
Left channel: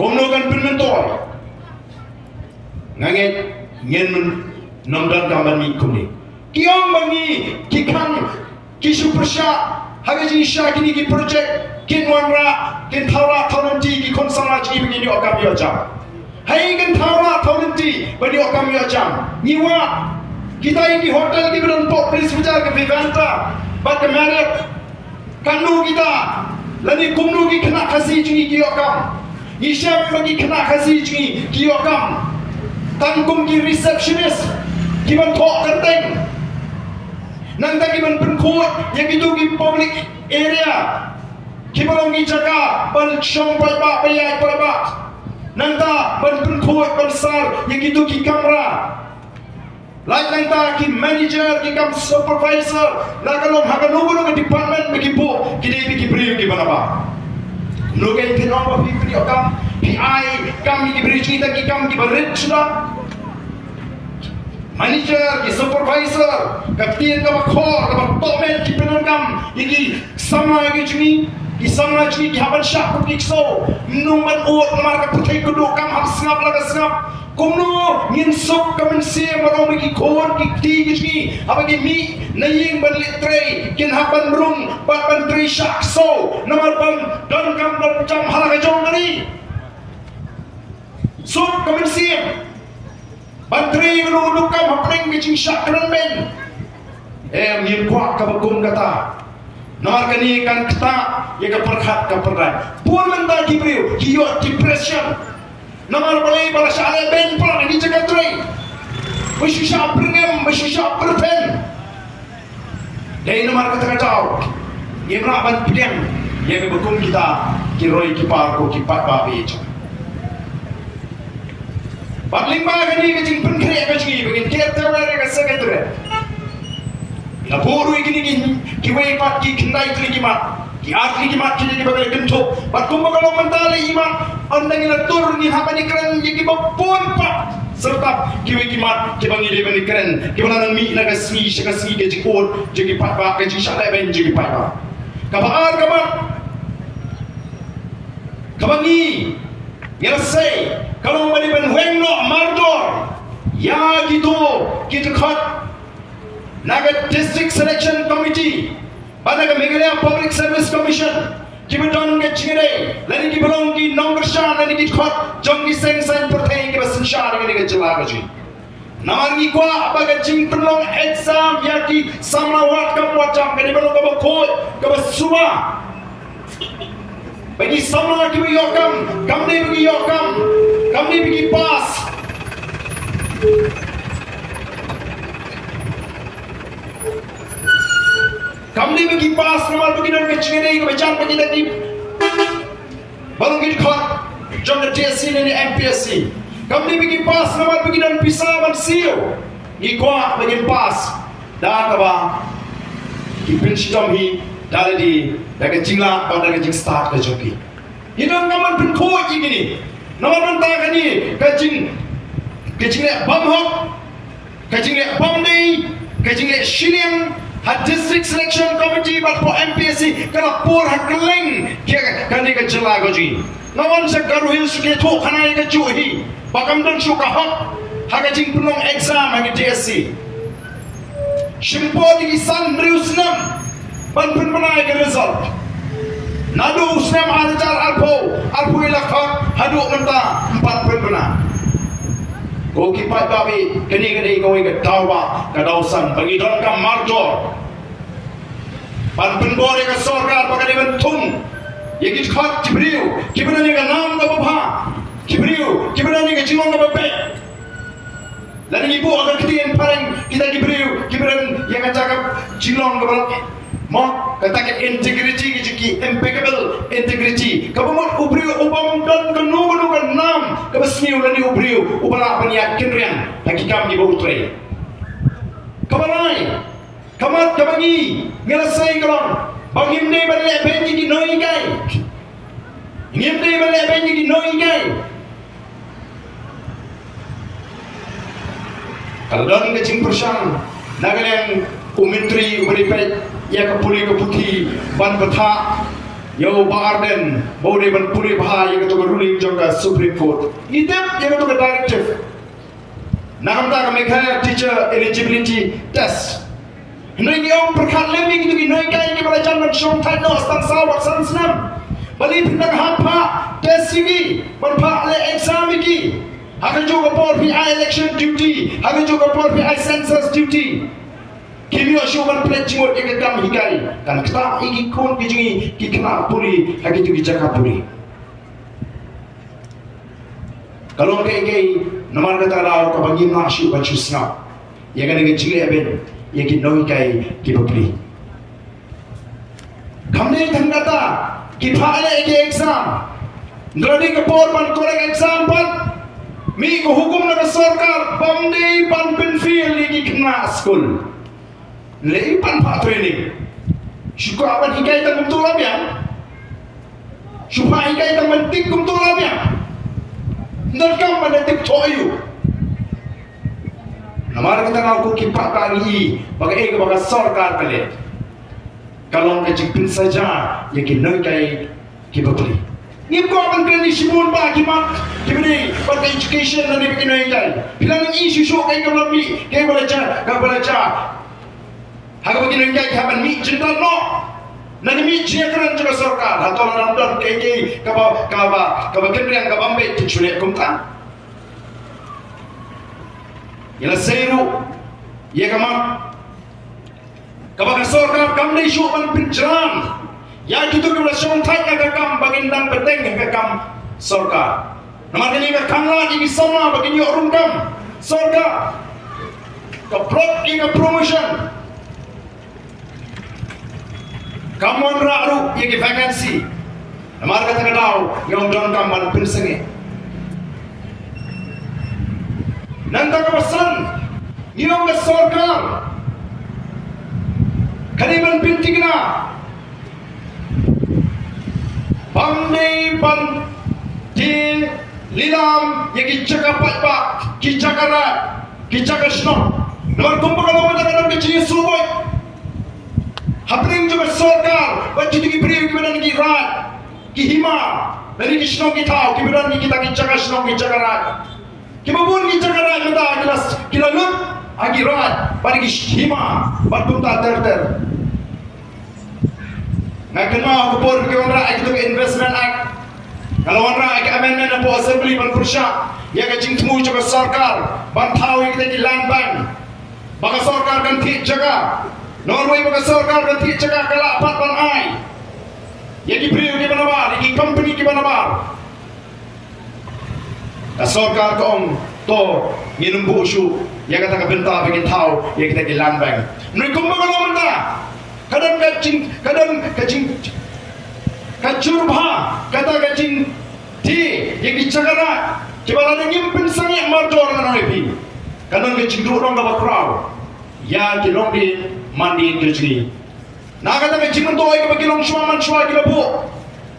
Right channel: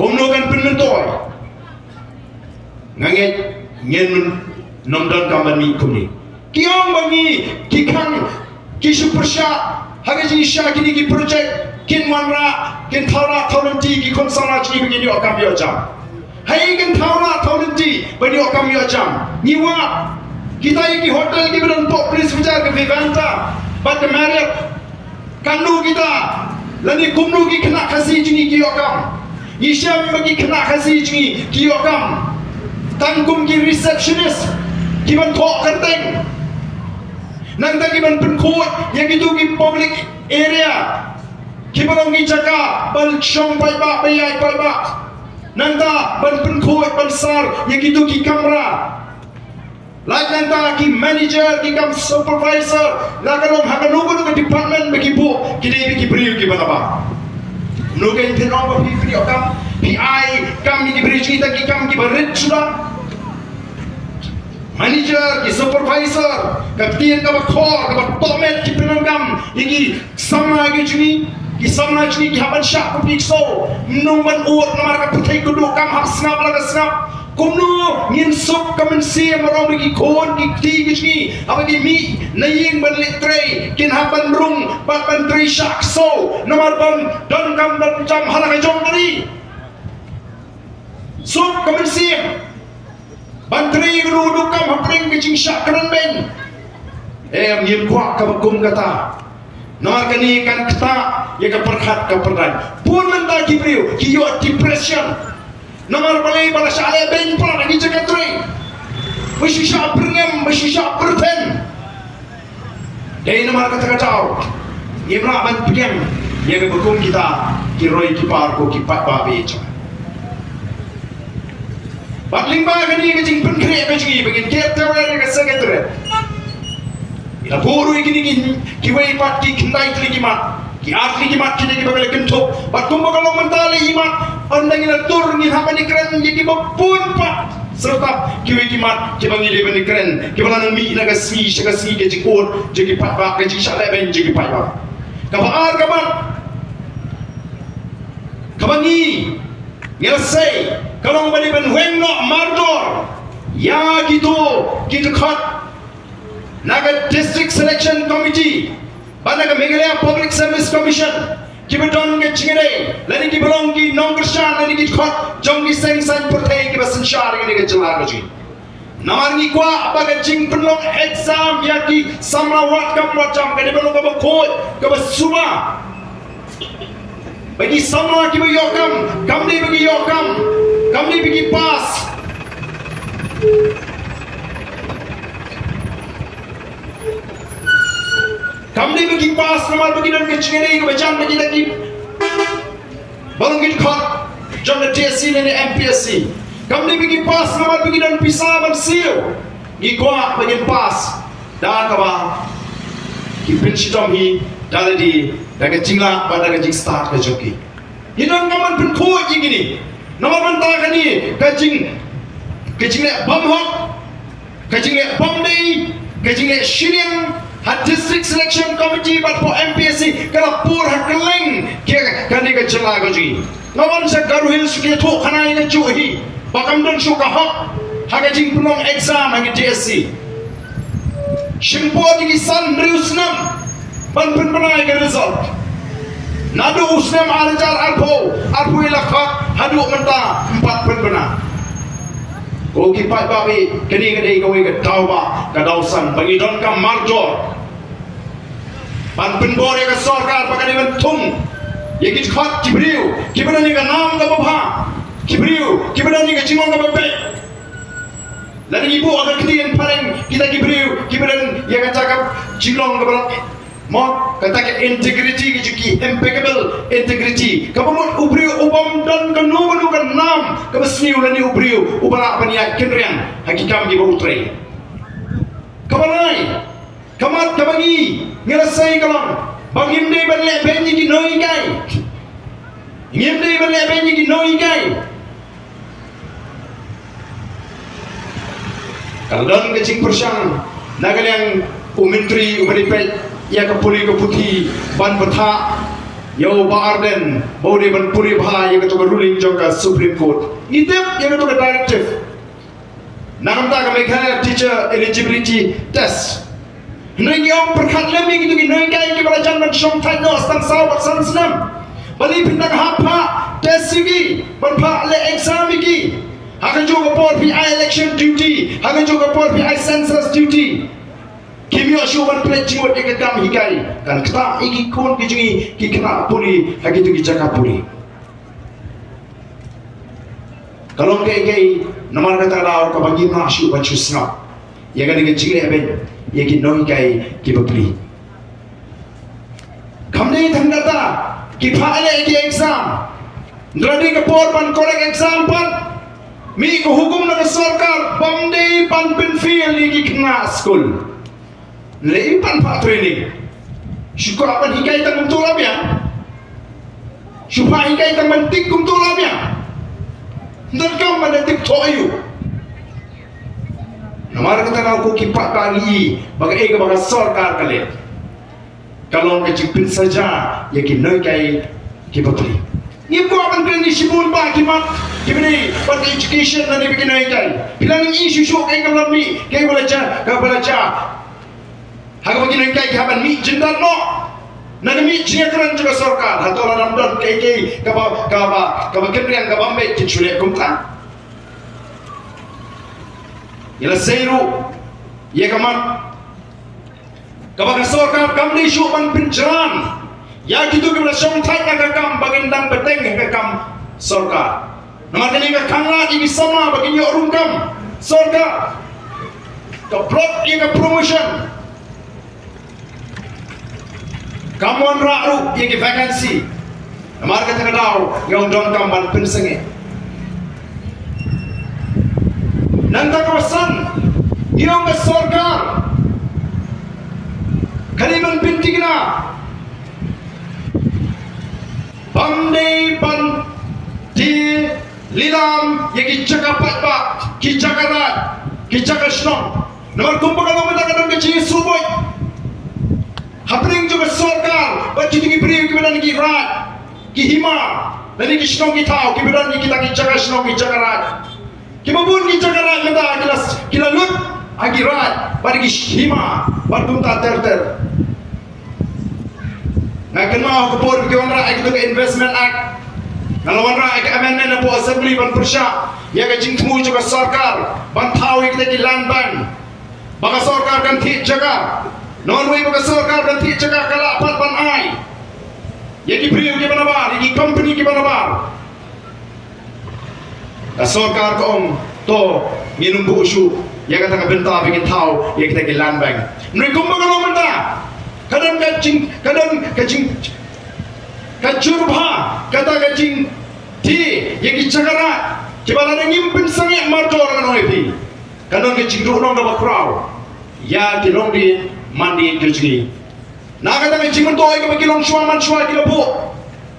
kumnogan penentoy ngangit nyen nomdan kamani kuni kiong bangi kikang kisu persya hagaji sya kini ki projek kin wanra kin thawra thawranti ki konsala ji begini okam yo jam hai kan thawra thawranti begini okam yo jam niwa kita ini hotel ki berantok please bicara ke Vivanta but the Marriott kandu kita lani kumnu ki kena kasih jingi ki okam Isyam bagi kena kasih jingi ki okam tangkum ki receptionist ki ban thok kerteng nanda ki ban penkut yang itu ki public area ki balong ki jaga ban syong pai ba bayai pai ba nanda ban penkut ban sar yang itu ki kamera like nanda ki manager ki kam supervisor la kalong haganungun ke department bagi bu ki debi ki beri ki banaba nugai tenong pi pri okam PI kam ki beri cerita ki kam ki berit sudah manager ki supervisor kapten ka bakhor ka tomen ki penangam iki sama ki sama ki haban syak ku pikso numan uot namar ka putai kudu kam hap snap laga snap kumno ngin sok kamen sia marong ki kon ki ti ki apa ki mi naying ban litre kin haban rung ban tri syak so namar ban dan kam dan jam halaka jong nani sok kamen sia Bantri guru kam hapring kecing syak keren ben. Ngim kuak ka bakum kata. Nama kani kan kata ya ka perkhat ka perdan. Pun nanda ki priu ki yo depression. Nama balai bala syale ben pun lagi jaga tri. Mesti syak pringem, mesti syak perpen. Dai nama kata kacau. Ngim ra ban pidang ya ka bakum kita ki roi ki par ko ki pat ba be cha. Bakling ba kani kecing penkre kecing begin kita orang yang sekretari. Ila guru ini ki wei pat ki kendai lagi mat. Ki asli ki mat kini ki bagai kentuk. Bat kumba kalau mentali imat andang ina tur ni hapan ikran ki bapun pat. Serta ki wei ki mat ki bangi de bani keren. Ki bana nang mi ina kasi ke jikon jadi pat ba ke jik sale ben jadi pat ba. Kabar kabar. Kabangi Yelase kalau bani ban wengno mardor ya gitu khat naga district selection committee banaga Meghalaya public service commission kibadon ke chingere lani ki balong ki nomor shan lani ki khat jongi seng san perteng ke basan shar ni ke jala ji namar ni kwa abaga jing penlong exam ya ki samla wat kam wacham ke balong ka ko ka basuma bagi sama ki bagi kam ni bagi kam ni bagi pas kam ni bagi pas nama bagi dan kecing ni ke bacaan bagi lagi balong kita khot jom na TSC dan MPSC kam ni bagi pas nama bagi dan pisah ban siu ni kwa bagi pas dah kawa ki pinch jom hi dari di daga jingla pada daga jing start ke joki hidang ngaman pun kuat gini nama mentah kani kajing le bom hok kajing le bom day kajing le shiniang had district selection committee bat po MPSC kala pur hakeleng kia kani ke jela gaji nawan sa garuhil suki to khana ina juhi bakam dan suka hok hagajing punong exam hagi JSC shimpo di san riusnam ban penai ke result nadu usnem alajar alpo ilakhat hadu menta 4 penbena ko ki pat babi kini ko ke tauba ka dausan bagi don ka marjor ban penbore ka sarkar pakani bentung yegi khat kibriu kibani ka nam ka bha kibriu kibani ka jiwang ka babe lani ibu agar kitian paling kita kibriu ya ka cakap jilong ka balak Mak katakan integrity ki impeccable integrity. Kapamot ubriu ubam dan kanungan kan nam kabasniu lani ubriu ubala paniat kenrian hakikam di bautre. Kamalai kamat kabangi ngelasai kalam bagim dei banle benji ki noi gai. Ngim dei banle benji ki noi gai. Kalau don ke cing persang nagan yang umentri umeripet ya ke puli ke putih ban betha yo ba arden bode ban puri bha ya ke to ruling jong ka Supreme Court itep ya ke to directive nagam ta ka mekha teacher eligibility test Neng yang perkat lemi gitu neng kaya ni balajan macam tanya asal sawat sanam bali pindang hampa test sigi banpa le exam lagi hakan juga por pi election duty hakan juga por pi census duty kimi osho ban pledge mo ikam hikai kan kita iki kon kijingi ki kena puri hagi tu kijaka puri kalau kaya namar kata lau ka bagi masuk bancu snap ya kan dengan jingle ben ya ki noi kai ki bapri kamne thangata ki phale ki exam ndrodi ka por ban korek exam pan mi ko hukum na sarkar bamde pan pen fiel ki kena school le pan pa training syukur aban hikai tang betul abian syukur hikai tang mentik kum betul abian ndar kam pada tip toyu Namar kita nak ko kipak kali bagai bagai sarkar kali. Kalau kita cipin saja, ya kita noi kai kita beli. Ni ko akan kena sibun ba kita kini buat education nanti bikin noi kai. Bilang ni isu kai kalau ni kai belajar. Haga bikin noi kai kapan mi jendal no. Nanti mi cekran juga sarkar. Hatol ramdan kai kaba kenriang kaba ambek kicule kumta. Ila seiru ya kaman kabaka sarkar kamni syuban pinjaran ya gitu kena syong thai ka kam bagindang beteng ka kam sarkar namar ni ka kanga ini sama bagi ni orang kam sarkar ka plot ka promotion kamuan raru ya ki vacancy namar ka tagadaw yung don kam ban pinsange Nanda kawasan, iyong ka sarkar, kaliman pintig na, pandai pan di lilam yang kijaga patpa, kijaga rat, kijaga snom, nomor kumpul kalau mendakan kecil suboy, hapring juga sarkar, baju tinggi beri kemudian rat, kihima, dari kisnom kita, kemudian kita kijaga snom kijaga rat. Kibabun kita karat kita kila lut agirat pada hima berpunta terter. Ngaken mau kepor ke orang itu ke investment act. Kalau orang ke amendment apa assembly ban persya ya ke jingmu juga sarkar ban tahu kita di land bank. Baka sarkar kan ti jaga. Norway baka sarkar kan ti jaga kala pat ban ai. Ya di beliau di mana bar, di company di mana bar. Sarkar kong to minum busu ya kata kabenta bikin tahu ya kita ke land bank nui kumba kalau menda kadang kacing kacurba kata kacing di yang dicakara coba ada nyimpen sangat marjor dengan orang itu kadang kacing duduk dong dapat crowd ya kilong di mandi kecil nah kata kacing mentoi ke bagi long suaman suai kita bu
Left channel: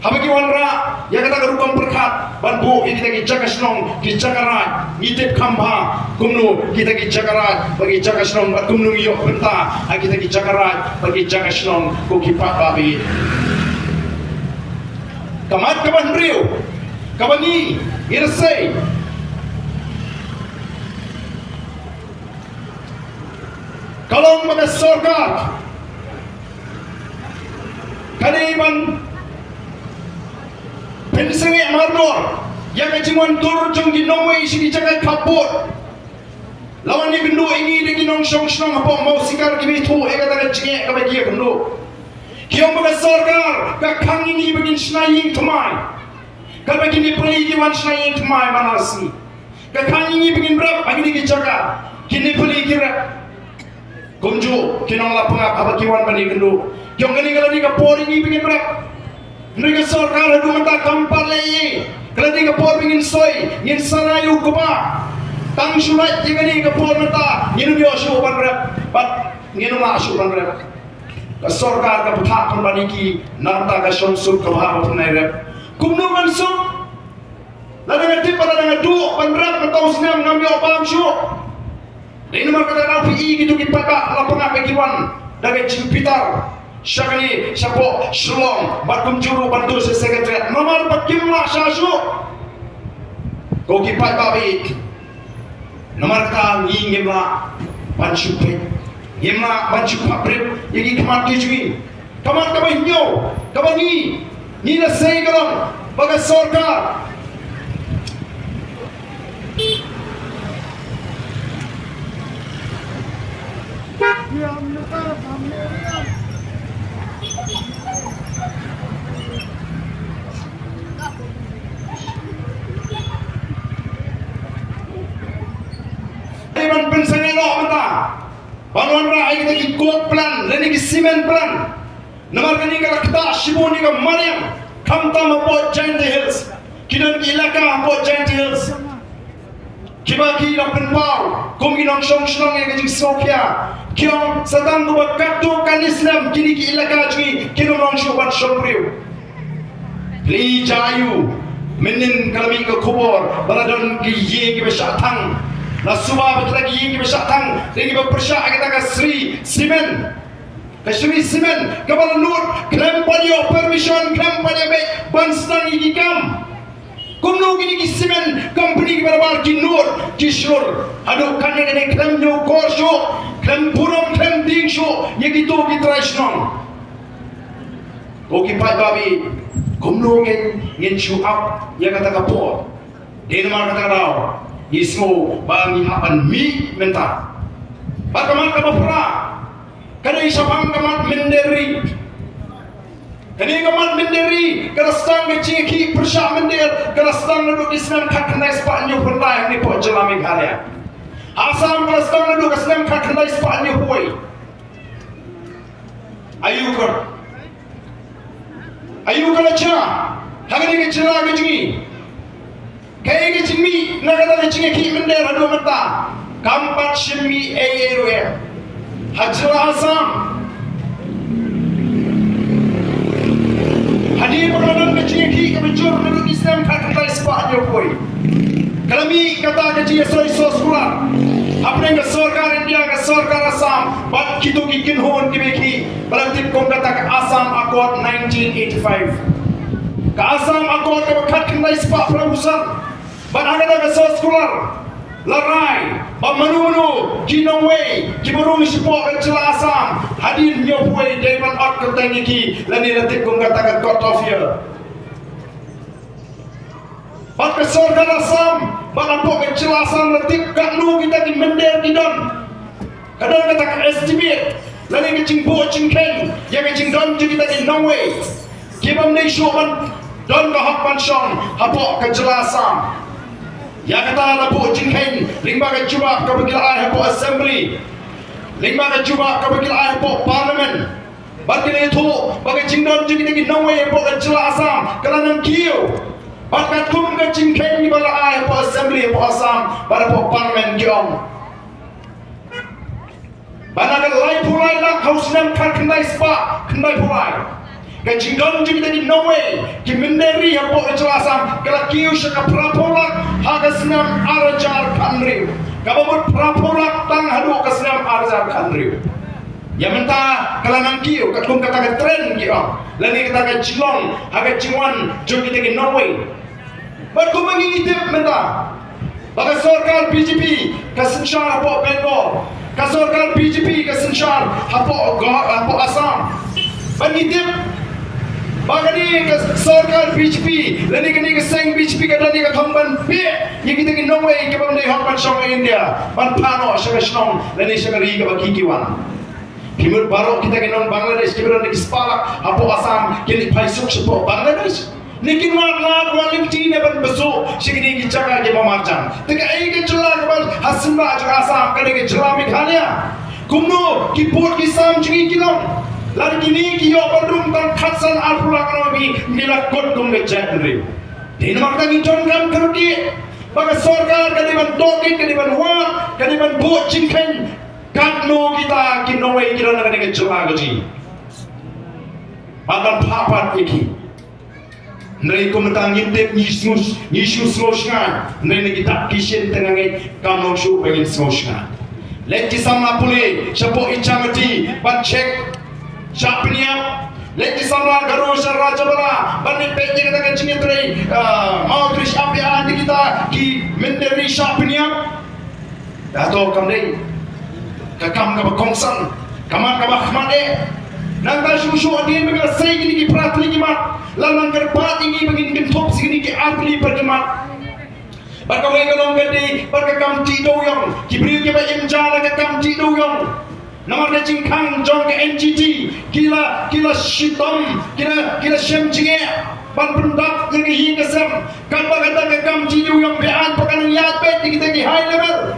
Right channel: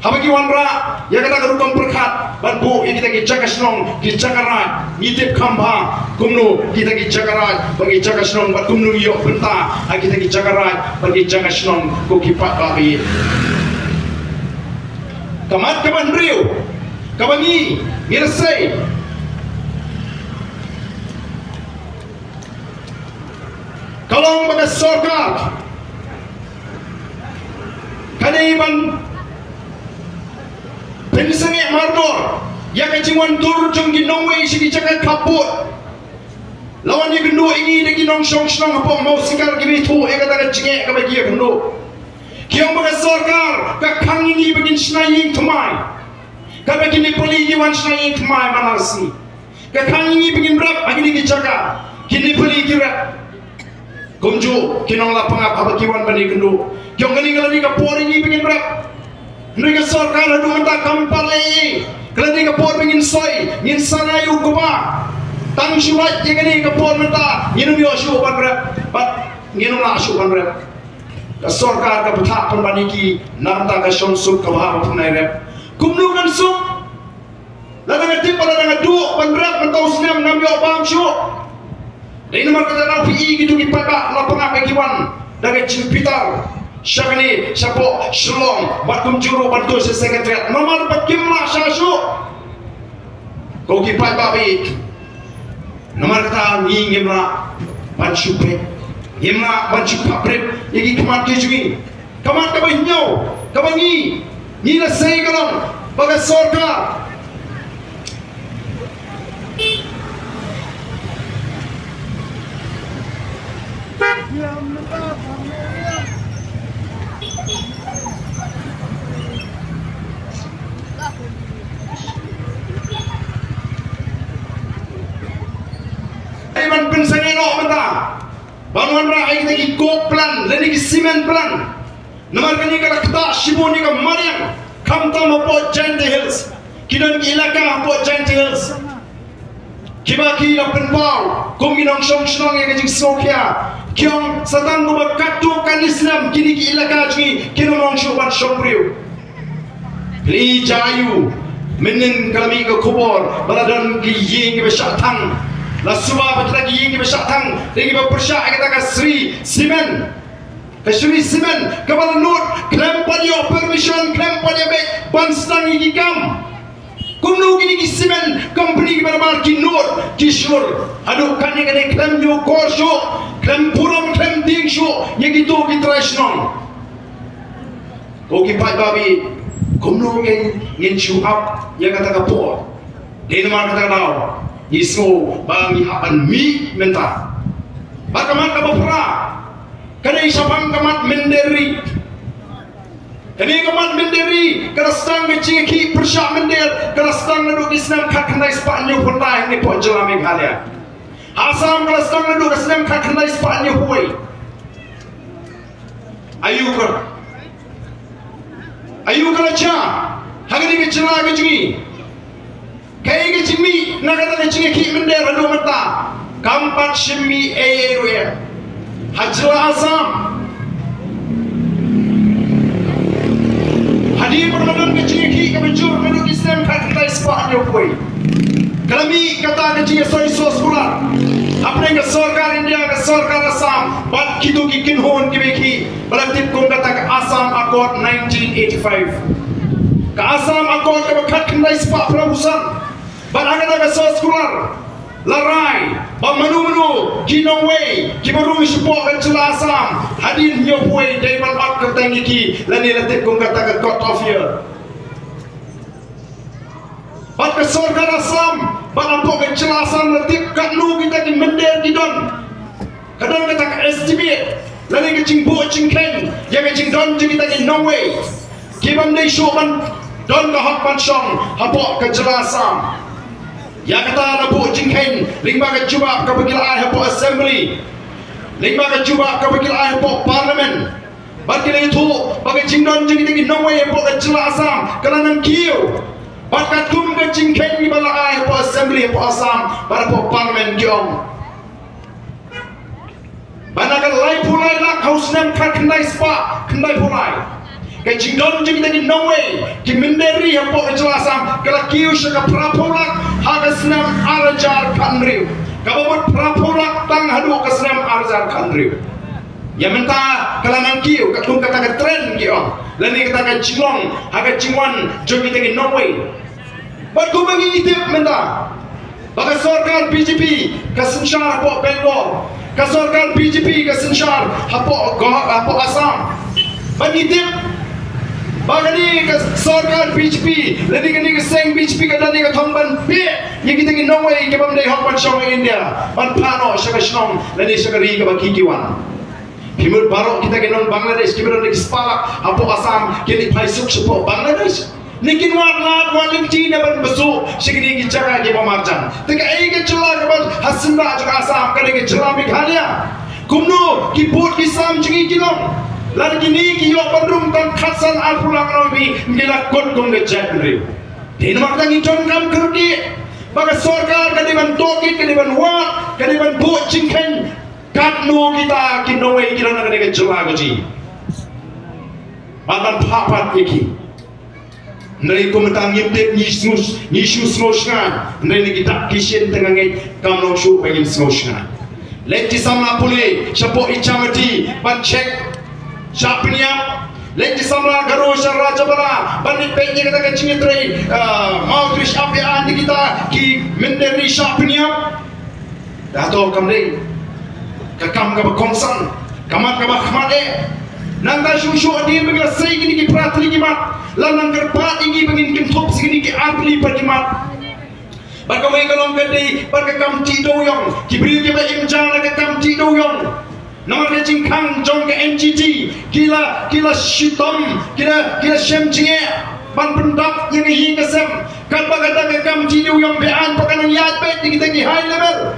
habagi wanra ya kata kerukam perkat bantu kita jaga senong jaga rat ngitip kamba kumnu kita jaga rat bagi jaga senong buat kumnu yok benta kita jaga rat bagi jaga senong ko kipat babi kamat kaban riu kabangi ngirsai kalau pada sarkar kaliman Pensange mardor, ya kaciwan tur jong ginong way si dijaga kaput. Lawan ni gendo ini de ginong song song apa mau sikar gini tu, kata kacingek kabagi ya gendo. Kiam baga sarkar, kakang ini begin snaying temai. Kabagi ni poli wan snaying temai manasi. Kakang ini begin berap, agini dijaga. Kini poli kira. Gonjo, kinong la pangap abagi wan bani gendo. Kiam gani kalau ni kapor ini begin berap. Mereka sarkar adu mata kampar lagi. Kalau dia kapor ingin soy, ingin sarayu kuba. Tang surat jika dia kapor mata, ingin dia asyuk bandar, ingin dia asyuk bandar. Sarkar kaputak perbaniki, namta kasong sub kabah punai rep. Kumnungan sub, lalu ngetip pada dengan duk bandar mentau senam ngambil paham syuk. Ini nomor kita tahu PI gitu kipada lapangan bagiwan dari Cimpitar. Syakani siapa Shalom batum juru bantu sekretariat nomor berjumlah syasu. Kau kipai babi. Nomor kita ngimla pancupe. Ngimla pancupapret yang kemat tujuh. Kemat kabinyo, kabangi. Ni nasay kalang baga sorka. Iman pensangelo mata. Bangun rakyat lagi kok plan, lagi simen plan. Nomor kini kata kita Shimoni ke Mariam, kamta mapo Giant Hills, kinam ilaka mapo Giant Hills. Kibaki nak penpau, kuminong song yang kecil Sofia, kiong satang tu berkatu kalislam kini ki ilaka jadi kinong showan showriu. Li jayu, menen kami ke kubur, baladan ki yeng ke besyatang. La suba betlagi yeng ke besyatang, lagi berpersyak kita ke Sri Simen. Kasuri Simen, kapal nur, klaim pada permission, klaim pada baik, banstang ini kam. Kumno gini Simen, company kita marki nur, kishur. Aduh kane klaim yo korsho, klaim puram, klaim dingsho, yang gitu kita resnon. Kau kipai babi, kumno ngin show up, yang kata kapor. Denmark kata kau, ismo bang hapan mi menta. Bagaimana kamu pernah? Kada isapang kamat menderi, kada kamat menderi, kada stang ngeciki persyak mender, kada stang naduk Islam kakandai sepatnya pernah ni pun jelami kalian. Asam kada stang naduk Islam kakandai sepatnya huai. Ayu kada cah, hagani kecela kecini, kaya kecimi, nagada keciki mender adu mata, kampat shimi ayeruya. Hajla Azam hadir berbadan kecil-kecil kemenjur penduduk Islam kata sepatnya koi. Kami kata kecil soy sos bulan. Apa yang kesorkar India kesorkar Assam bat kita kikin hon kibeki berarti kong kata ke Assam Accord 1985. Ke Assam Accord ke bekat kendai sepak perahusan. Bat hanya ke sos bulan. Larai, manu-manu, kinaway, kibarung support dan celasam. Hadir nyaway daiman at katang iki, lani latit kong katakan cut off here. Bat kesorkan asam, balampok ke celasam latit katlu kita di mender kidon. Kadang kita ke estimate, lani kecing buat cingken, yang kecing don kita di no way. Kibam day showan, don ke hakpan syong, hapok ke celasam. Yang kata ada buat jingkeng, lingba ke cuba ke begila ayah buat assembly, lingba ke cuba ke begila ayah buat parlimen. Bagi itu, bagi jingdon jadi lagi nawai buat ke jelasam, kalangan kiu. Bagi tum ke jingkeng ni bala ayah buat assembly buat asam, pada buat parlimen kiong. Banakan lai pulai lah, kau senang kendai spa, kendai pulai. Kecing don jadi lagi nawai, kimenderi yang buat ke jelasam, kalau kiu syaka prapolak. Haga senam arajar kanriu. Kabut prapolak tang hadu ke senam arajar kanriu. Yang mentah kalangan kiu katung kata ke tren kiu. Lani kata ke cilong, haga ciwan jogi tegi no way. Batu mengitip mentah. Bagi sorkar BJP ke sensyar hapok Bengal. Ke sorkar BJP ke sensyar hapok Assam. Mengitip Bagani ke sorkar BJP, lani kini ke seng BJP ke dani ke thomban pie, yang kita ke Norway ke bangdai hokpan syong India, ban pano syaka shnong, lani syaka ri ke baki kiwan. Himut baru kita ke non Bangladesh, kita ke Spalak, hapo Assam, kini paisuk sepo Bangladesh. Nikin wan waling Cina ban besu, syakini ke jaga ke Mamarjan. Teka ke celah ke ban Hasimba juga Assam, kali ke celah Meghalaya. Kumno kiput kisam chingi kilong. Lagi ni kiyo badrum tan khasan alpulang rambi nilakot kong ngejadri. Di namak tangi John Kam kerudi. Baga sorkar kadiban toki kadiban wa kadiban buat cingken. Kadno kita kinawai kira na kadang jelah gaji. Bantan papat iki. Nari komentar ngintip ni snus ngan. Nari kita kisien tengah ngai kamnong syu bagil snus ngan. Lenti sama puli Syabuk icamati ban cek Syapiniam Lenti sama garu Raja Bala Bani penji kata kencing teri Mau tulis apian di kita Ki menderi Syapiniam Dato kamdeng Kakam ka kongsan Kaman ka bahmade Nangka syusyu adin mengelasai gini ki pratli kimat Lanang kerpat ini begini kim top segini ki apli perkimat Bagawai kalong gede Bagakam tido yang Kibri kiba imjana kakam tido yang Nama kecing kang jong ke NGT Kila shitom Kila shem jinge Ban pendak yang hiing kesem Kan bagata kakam tido yang bean Pakanang yad bet di kita ki high level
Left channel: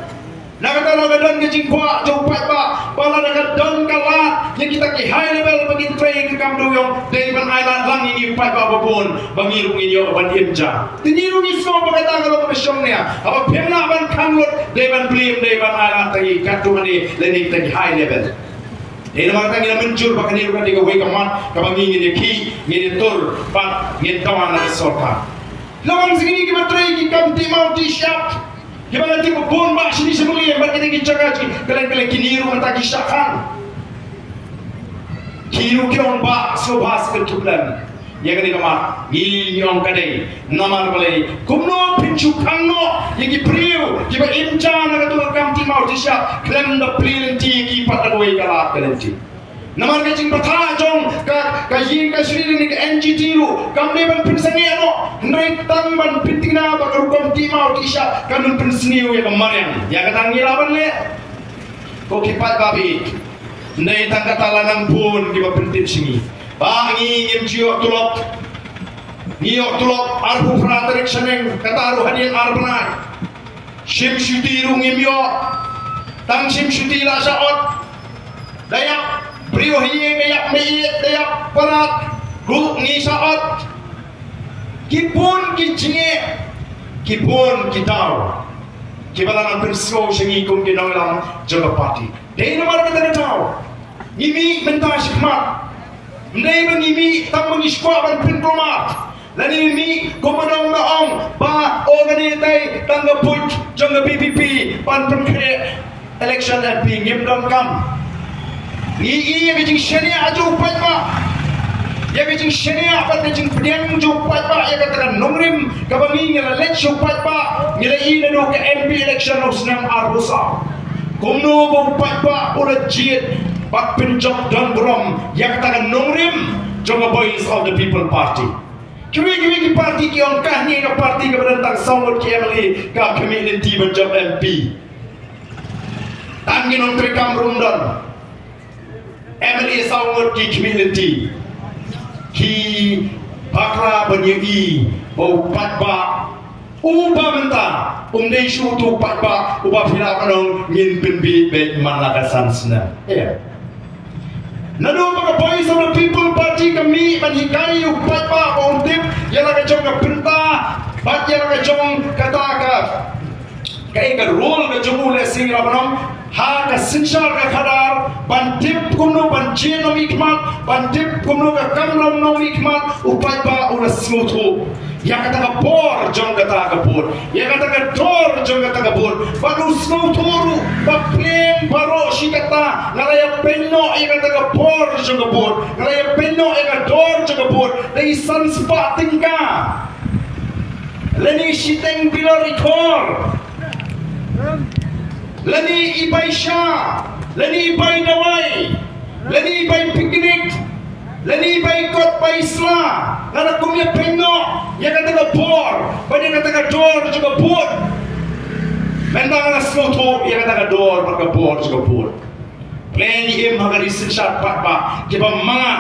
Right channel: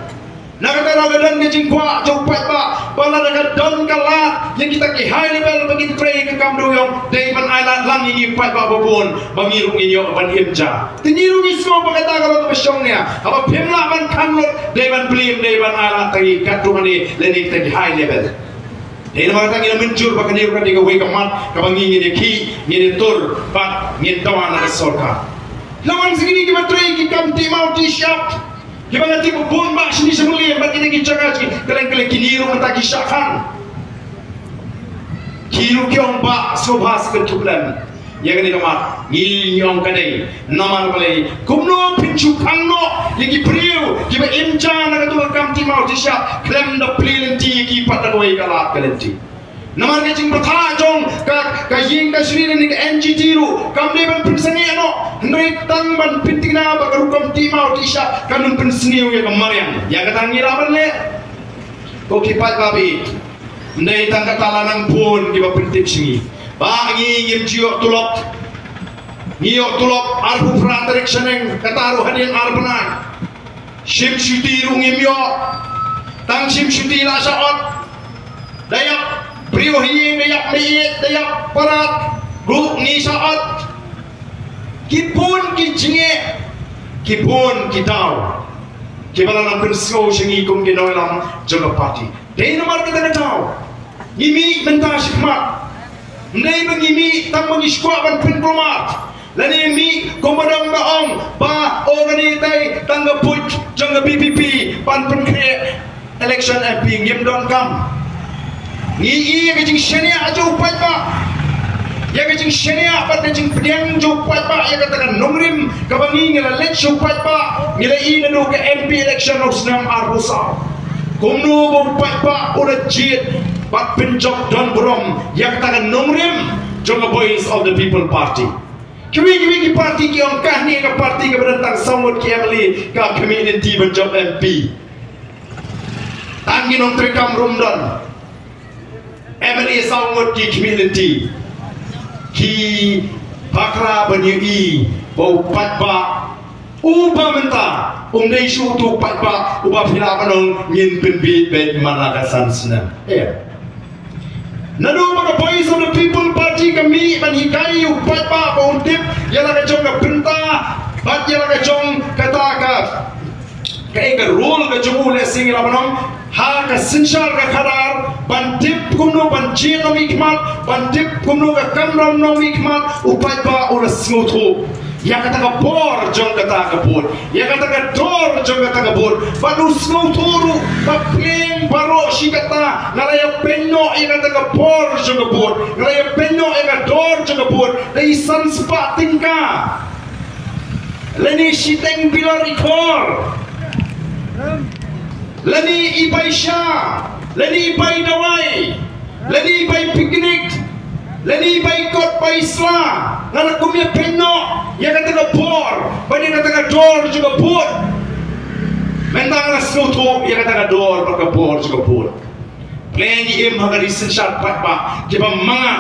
Nakakaraw ka doon kajing kwa, jaupat pa, pala nakadon ka lahat, yang kita ki high level, pagin tray ka kamduyong, dayman aylat lang iipat pa babon, bangirong inyo, ban imja. Tinirong ismo, pagkatagalo ka masyong niya, kapag pimla ban kanlot, dayman blim, dayman aylat, tagi katungan ni, lenik tagi high level. Dahil naman tangi na muncul, baka niro ka di ka way kamat, kabangingin niya ki, nginitur, bat, ngintawan na resol ka. Lawan segini ki matray, ki kamti mau t-shirt, Kaya nanti pun mak sini semulian bagi dia jaga si kalian kiniru mata kisahkan. Kiru kiong bak sobhas ketulan. Yang ini nama ngiyong kadai nama balai kumno pincu kangno yang kipriu kiba imca na katu kamti mau tisha klem na prilenti ki patagoi kalat kalenti. Nama kecing bertajong ka ying ka sri ni ka NGT ru kamne ban pinsangi ano ndai tang ban pintina ba ka kam ti mau tisha kanun pinsniu ya kamarian ya ka tangi laban le ko kipat babi ndai tang ka talanang pun ki ba pintin singi ba ngi yim jiok tulok niok tulok arhu fraterik seneng kataru hadin arbanan sim syuti ru ngimyo tang sim syuti la saot dayak Priyo hiye dayak meyet dayak parat Ruk ni saat Kipun ki jinge Kipun ki daw Kibala ng perso siyang ikong ginaw lang Jaga pati Dahil naman kita na daw Ngimi menta sikmat Mnay bang ngimi Tang mangiskwa bang pinpromat Lani ngimi kumadang maong Ba o ganitay Tanggaput Jaga BPP Pan penkre Election MP Ngim dong kam Ni yang kecing syariah aja upat pak, yang kecing syariah apa kecing pedang aja upat pak, yang katakan nongrim kabangi ngela let upat pak, ngela ini nado ke MP election usnam arbusa, kumno upat pak udah jit, pak penjok don brom, yang katakan nongrim jonga boys of the people party. Kiwi parti ki ongkah ni ke parti ke berentang samut ki emily ke community berjob MP. Tangi nong trekam rumdon. MLA sangat di community ki bakra banyai bau patba uba menta umdai syutu patba uba pila kanong ngin penbi bed managasan sina nado mga boys of the people party kami manhikai patba bau dip yala ka jong ka penta bat yala ka jong kataka kai ka rule ka jong ule singira manong ha ka sinshar ka khadar bandip kumno banjin no mikmat bandip kumno ka kamram no mikmat upai ba ula smutu ya kata ka por jong kata ka por ya kata ka dor jong kata ka por banu smutu ba plem baro shikata nalaya penno ya kata ka por jong ka por nalaya penno ya ka dor jong ka por dai sanspa tingka leni shiteng bilari kor Lani ibai sya, lani ibai dawai, lani ibai piknik, lani ibai kot bai isla, nganak kumya penno, ya kata ka por, bani kata ka dor juga put. Mentang na snoto, ya kata ka dor maka por juga put. Pleni im hagari sensat pat ba, kiba mga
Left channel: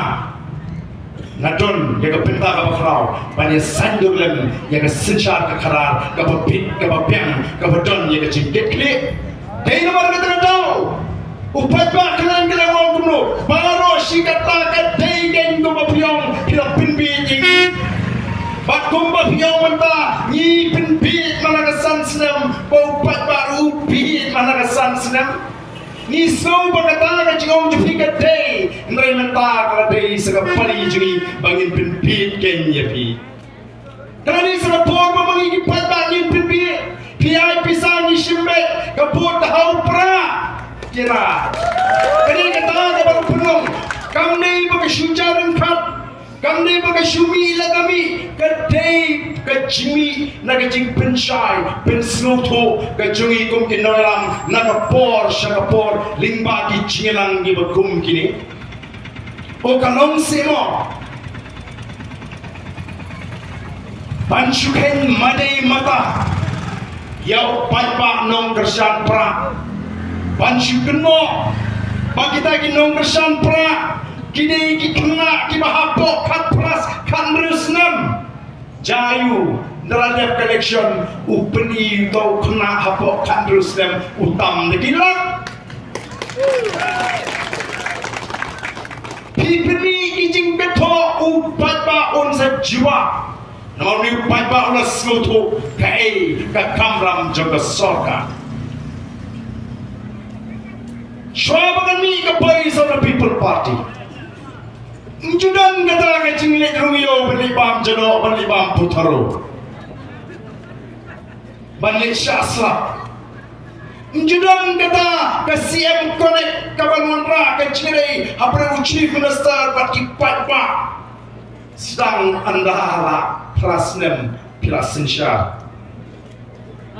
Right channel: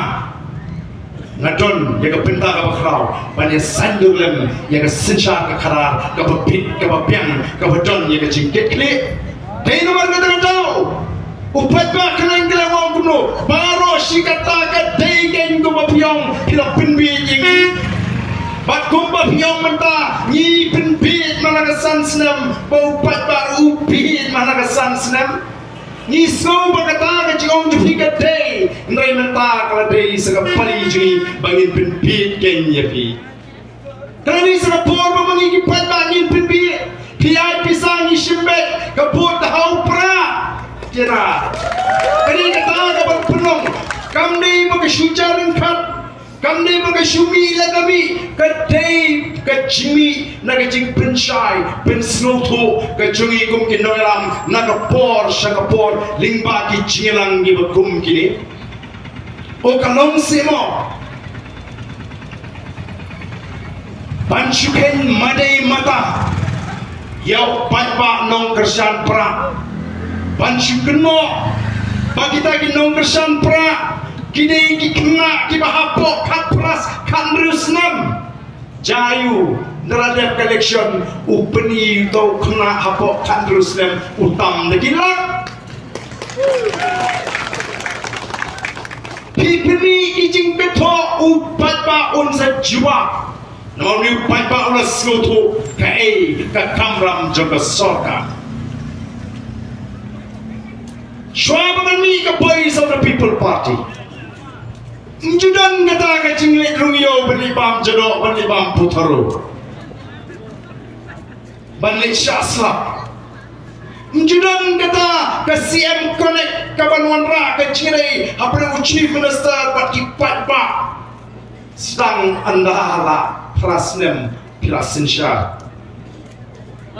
ngadon ya ka penta ka bakraw, bani sandur lem ya ka sensat ka karar, ka papit, ka papiang, ka badon ya ka jingkekli. Dahil naman kita tahu, upat ba kalian wang kuno, baru si kata ka daygen kumapiyong pinapinbit ini, bat kumapiyong menta ni pinbit managasan senam, upat ba upit managasan senam, ni so bagata ka jong jupika day, ngai menta kala day sa kapali jini bangin pinbit kenya pi. Kali sa por mangigipat ba ni pinbit. Piyay pisang isimbet kaput dahaw pra tiada. Kini kata kapan penong, kami bagai syujaran kat, kami bagai syumi lagami, kedai kecimi naga jing pensyai, pensnoto, kecungi kum kinolam, naga por, syakapor, lingba ki cingelang ni bakum kini. O kalong semo, pansyuken madai mata, yau patpa nong kersian pra, pansyuken mo, bagita ki nong kersian pra, kini ki kena ki bahapok kat pras kan rusnam, jayu neradap collection upeni tau kena hapok kan rusnam utam negilat. Pipini ijing keto upatpa unsa jiwa. Namun upatpa ulas skutu kae ka kamram jaga sorga. Swabangan mi ka Voice of the People Party. Judan kata ka jinglet rumiyo balibam jado balibam putaro. Balik syasla. Judan kata ke CM Connect ke Banwan Ra ke Chile hapre Chief Minister buat kipat ba sedang andara prasnem pilasinsya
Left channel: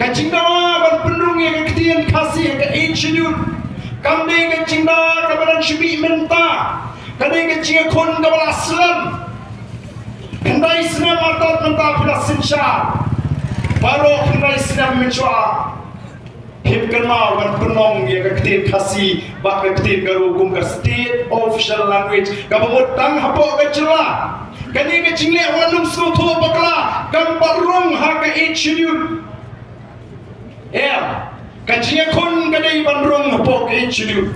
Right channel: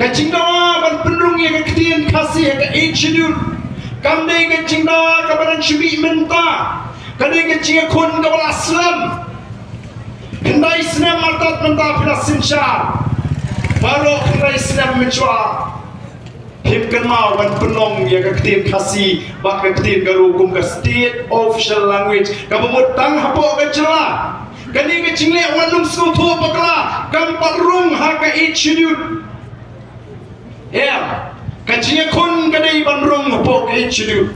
ke Cingdawa ban pendung yang ketian kasih ke institute kami ke Cingdawa ke badan syubi menta kami ke Cingakun ke Balaslam kendai senam artat menta pilasinsya baru kendai senam mencuat Himkan mau ban penong dia ketin kasih bak ketin garukum ke state official language kabut tang hapo ke celah kani ke cingle wanum skutu bakla gampat rung ha ke institute ya kacinya kun kadai ban rung hapo ke institute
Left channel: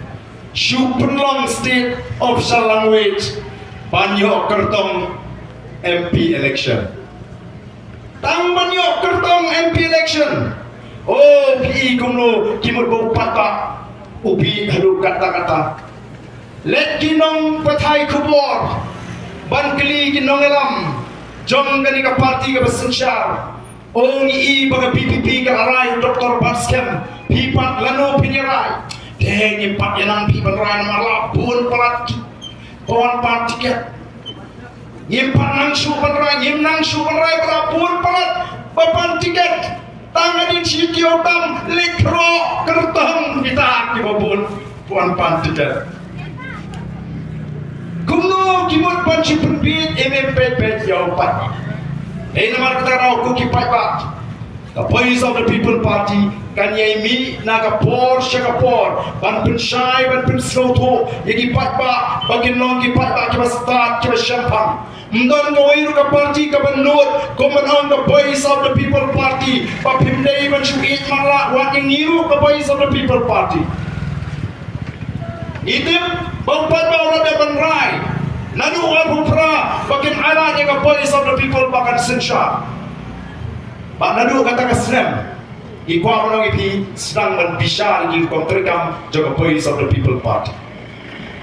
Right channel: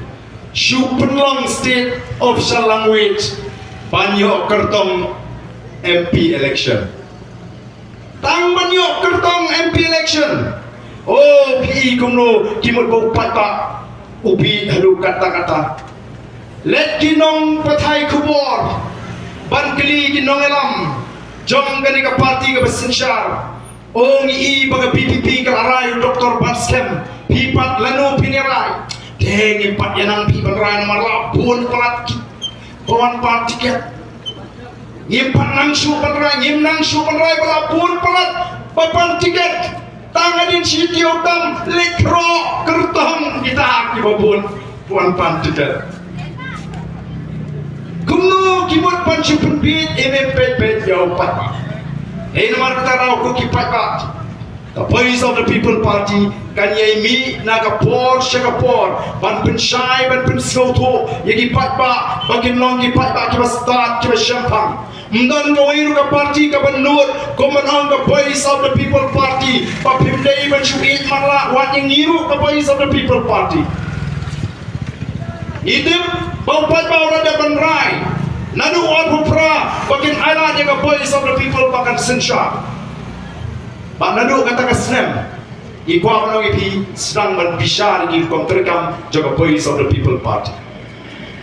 shu penlong state official language banyo kertong MP election tang banyo kertong MP election. Oh, pi kumno kimut bau patpa ubi halu kata-kata. Let kinong patai kubor ban kili kinong elam jom kani ka parti ka besensyar. Oh ngi baga PPP ka aray Dr. Baskem pipat lano piniray. Deng impat yanang pipat ray nomor labun palat bawan pat tiket. Ngimpat nang su panray ngim nang su panray balapun palat papan tiket. Tangan siti otam lekro kertong kita kibabun tuan pantikat. Kumno kimut pancu penbit pet jauh patpa. Nomor tarau ku kipat pak. The Voice of the People Party kanyai mi naga por syakapor ban pensyai ban pensauto yagi patpa bagin long kipat pak kiba start kiba syampang. Mdan gawai ruka parti ka benut komanang ka Voice of the People Party papimdai ban syuit marla wan yang niru ka Voice of the People Party idip baupat baulah dapan rai nanu wan hupra bakin aira dia ka Voice of the People bakan sensyar bak nadu kata ka snem ikwa menong ipi sedang berbisar di kontrekam jaga Voice of the People Party.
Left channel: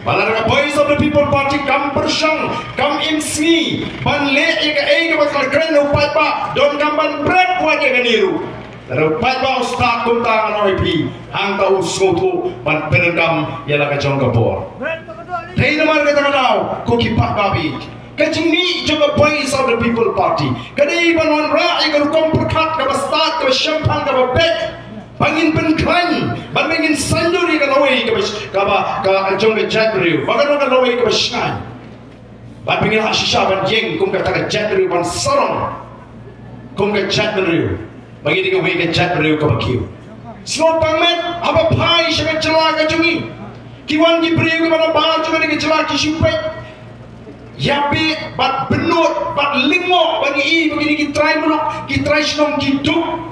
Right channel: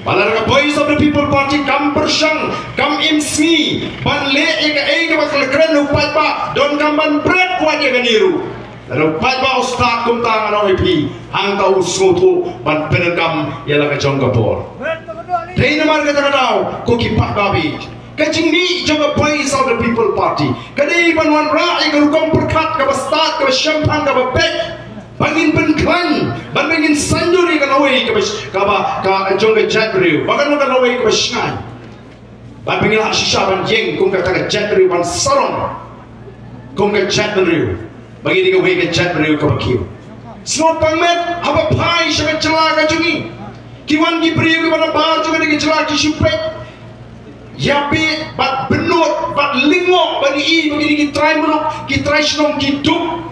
Malah Voice of the People Party kam persang, kam imsi, ban le ega bakal keren upat pa, don kam ban bread buat ega niru. Lalu upat pa ustad kum tangan orang ipi, hang tahu suatu ban penegam ialah kacang kapor. Dari nama kata kadau, kuki pat babi. Kacing ni juga Voice of the People Party. Kadai ban wan ra ega rukom perkat ka bestad ka syampang ka bebek. Bangin penklan, bangin sanjuri ka laway ka jong ka jatriu, bagan ka laway ka basngai. Bangin ha shisha ban jeng kung ka taga jatriu ban sarong, kung ka jatriu, bangin ka way ka jatriu ka bakiu. Snow pangmet haba pai siya ka ka jungi, kiwan gibriu ka mana bahar juga ka cela ki syupet. Yapi bat benut bat lingwo bagi ki try buluk ki try snong ki duk.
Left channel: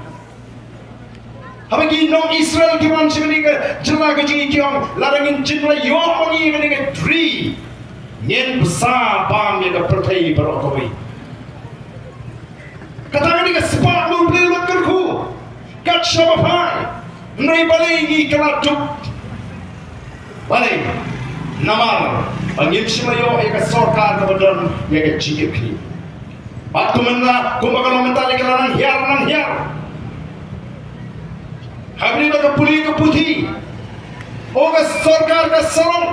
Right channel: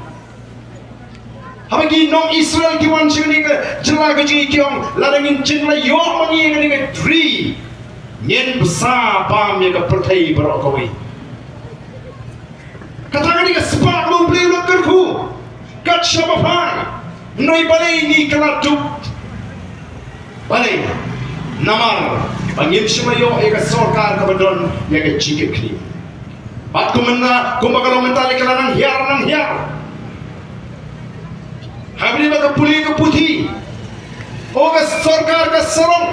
Habagi nong Israel kiwan sini ke jela ke jikiong ladangin jela yok mangi ke tri nyen besar pam ya ke pertai barok kawai katakan ni ke sepak mau beli lekerku kat syabafai menai balai ni keladuk balai namar angin semayo ya ke sorkar ke badon ya ke jikip ni bat kumena kumbakalo mentali ke nang hiar Habis nak pulih ke putih, Oga sarkar ka sarong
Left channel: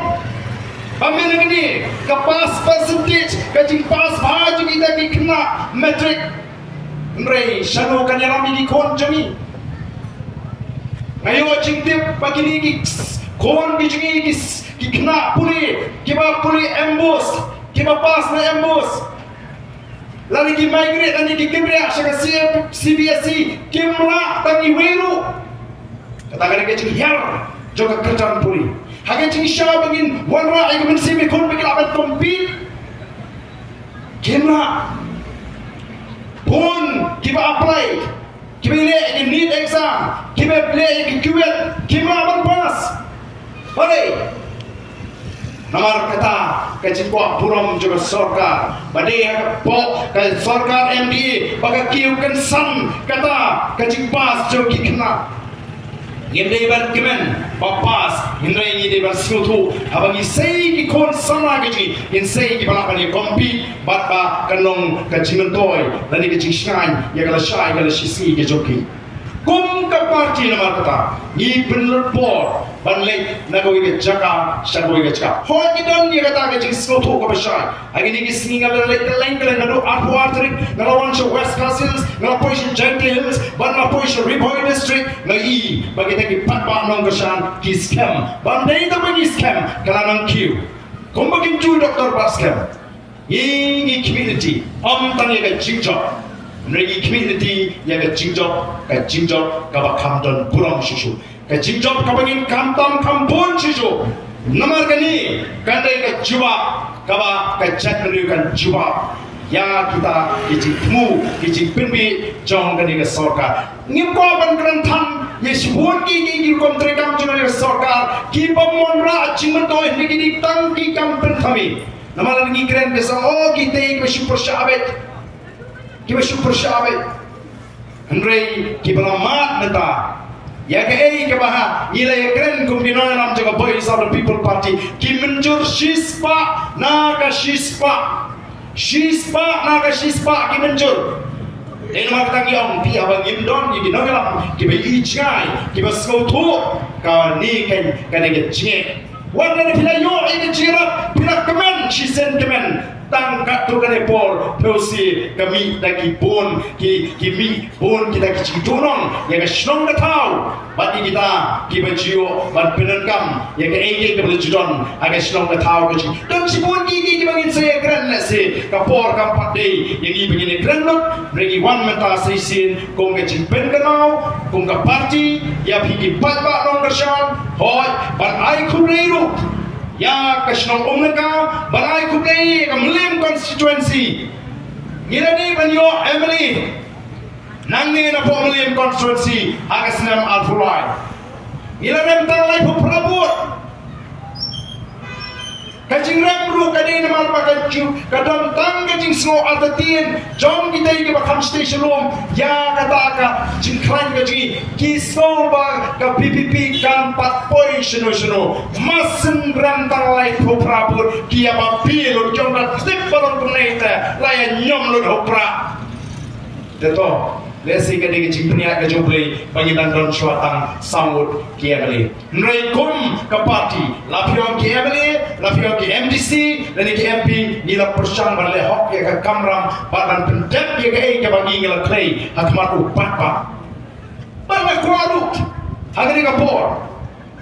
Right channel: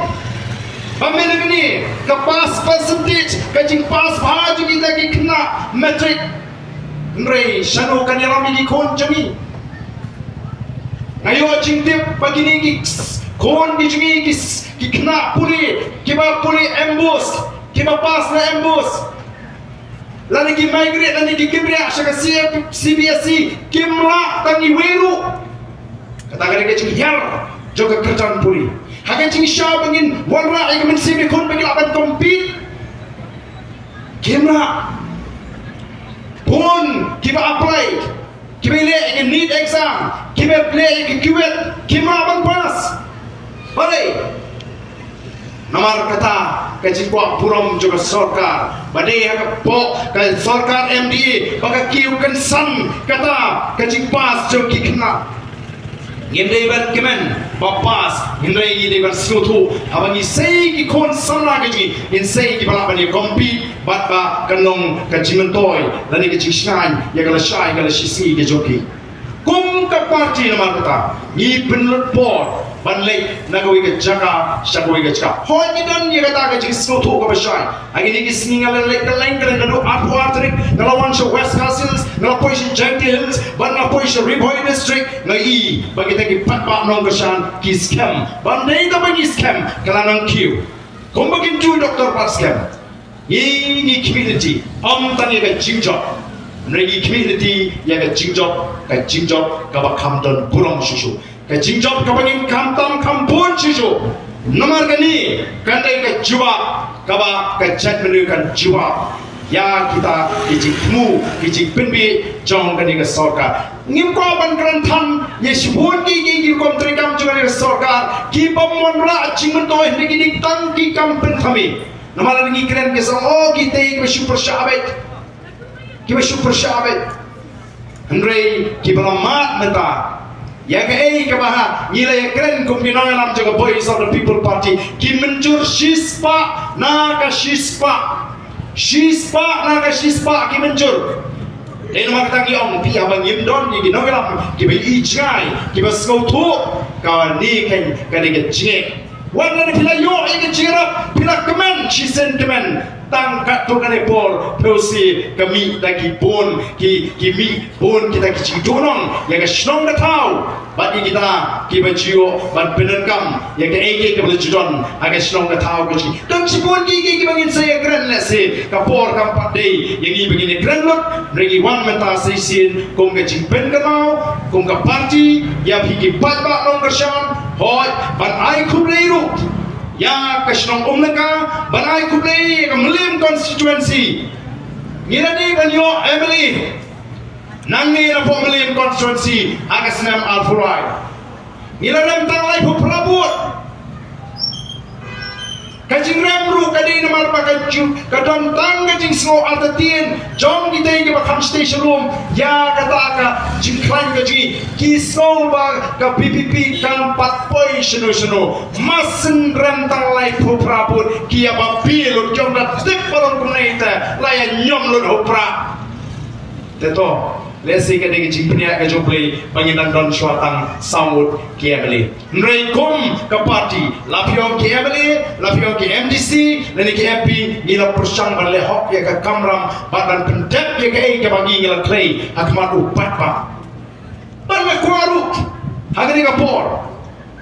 pamilya ni ka pass percentage ka jing pass bhaji kita ki kena metric nrei shano kan yarami ki kon jami ngayo jing tip pagi ni ki kon bi jing ki kena puri ambush kiba pass na ambush lani ki migrate lani ki kibria shaka CBSE kimla tangi wiru kata ke jing yar juga kerjaan puri. Hagen cing syah bangin wanra ay mensibi kon bagi akan compete. Kimra pun kita apply, kita le need exam, kita play kuwet, kita akan pass. Balik. Namar kata kaji kuat puram juga sarkar. Badai hak pok kaji sarkar MDA baga kiukan san kata kaji pass jo kikna. Ngindai ban kemen bapas ngindai ngidai ban sutu abangi sei ki kon sana gaji in sei ki bala bani kompi batka kanong kajimen toy lani kaji shan ya kala shai kala shisi ke joki kum ka parti nama kata ni penlut por ban lei nagawi ke jaka shagoi ke jaka hoi ni dan ni kata kaji sutu ka bashai agi ni ki singa la lain kala nadu aku atrik ngalawan sha West Castles ngalapoy sha Gentry Hills ban ngalapoy sha Riboy District ngai bagi tagi patba nong kesan ki scam bandai ta bagi scam kala nang kiu kum bagin tu doktor pas scam ini community tanya ke jingjok nagi community ya ke jingjok ka ba kamdon puram susu ke jingjok ka bangin kamtam kampun susu namar gani kandai ke juba ka ba ka chat menukan juba ya kita ijikmu ijik pinbi jong gani ke sarkar ngimko ban grantan ye sibun ki kontri kam juga ke sarkar ki pamonra chingman to higi tang ki kampen kami namar ni kren ke sang oh kita super syabet kiba super syabet Andre kiba mat menta ya ke ke baha nila ya kren kumbinoy nam jaga Voice of the People Party ki menjur shispa naga shispa ki menjur Dahil makatang iyong di habang yimdon ni ginogalam kiba ijay kiba skautu kawan ni kan kaniga jek wala ni pila yo ini jirap pila kemen shisen kemen tangkat tu kane por peusi kami dagi pun ki mi pun kita ki donong ya ka shnong na tau bagi kita ki bajio ban penenkam ya ka ege ke bajidon aga shnong na tau ki dan si pun ki bangin saya gran la se ka por kam patei yang i begini gran lot regi wan meta seisin kong ka jimpen ka mau kong ka parti ya bigi patba nong ka shan hoi ban ai kubreiru ya kasnong umlaka banai kublei kamlim constituency ngilani banyo Emily nangi na po Mlim constituency agasnam alfurai ngilanem tawai po prabut kajing remru kadai namal pakaju kadang tang kajing snow atatin jom kita ini bakam station room ya kata ka jingklan kaji kisau ba ka PPP kan 4 poi seno masen rantang lai po prabut kia ba pilot jom da tik balon kumnaita laya nyom lut hopra teto lesi kadai jingpnia ka joblei panginan don suatang samut kia beli nreikum ka parti lapiong kia beli lapiong ki MDC dan ki MP nila persang balle hok ya ka kamram badan pendek ya ka ai ka bagi ngila clay akmat upat ba balle kwaru hagani ka por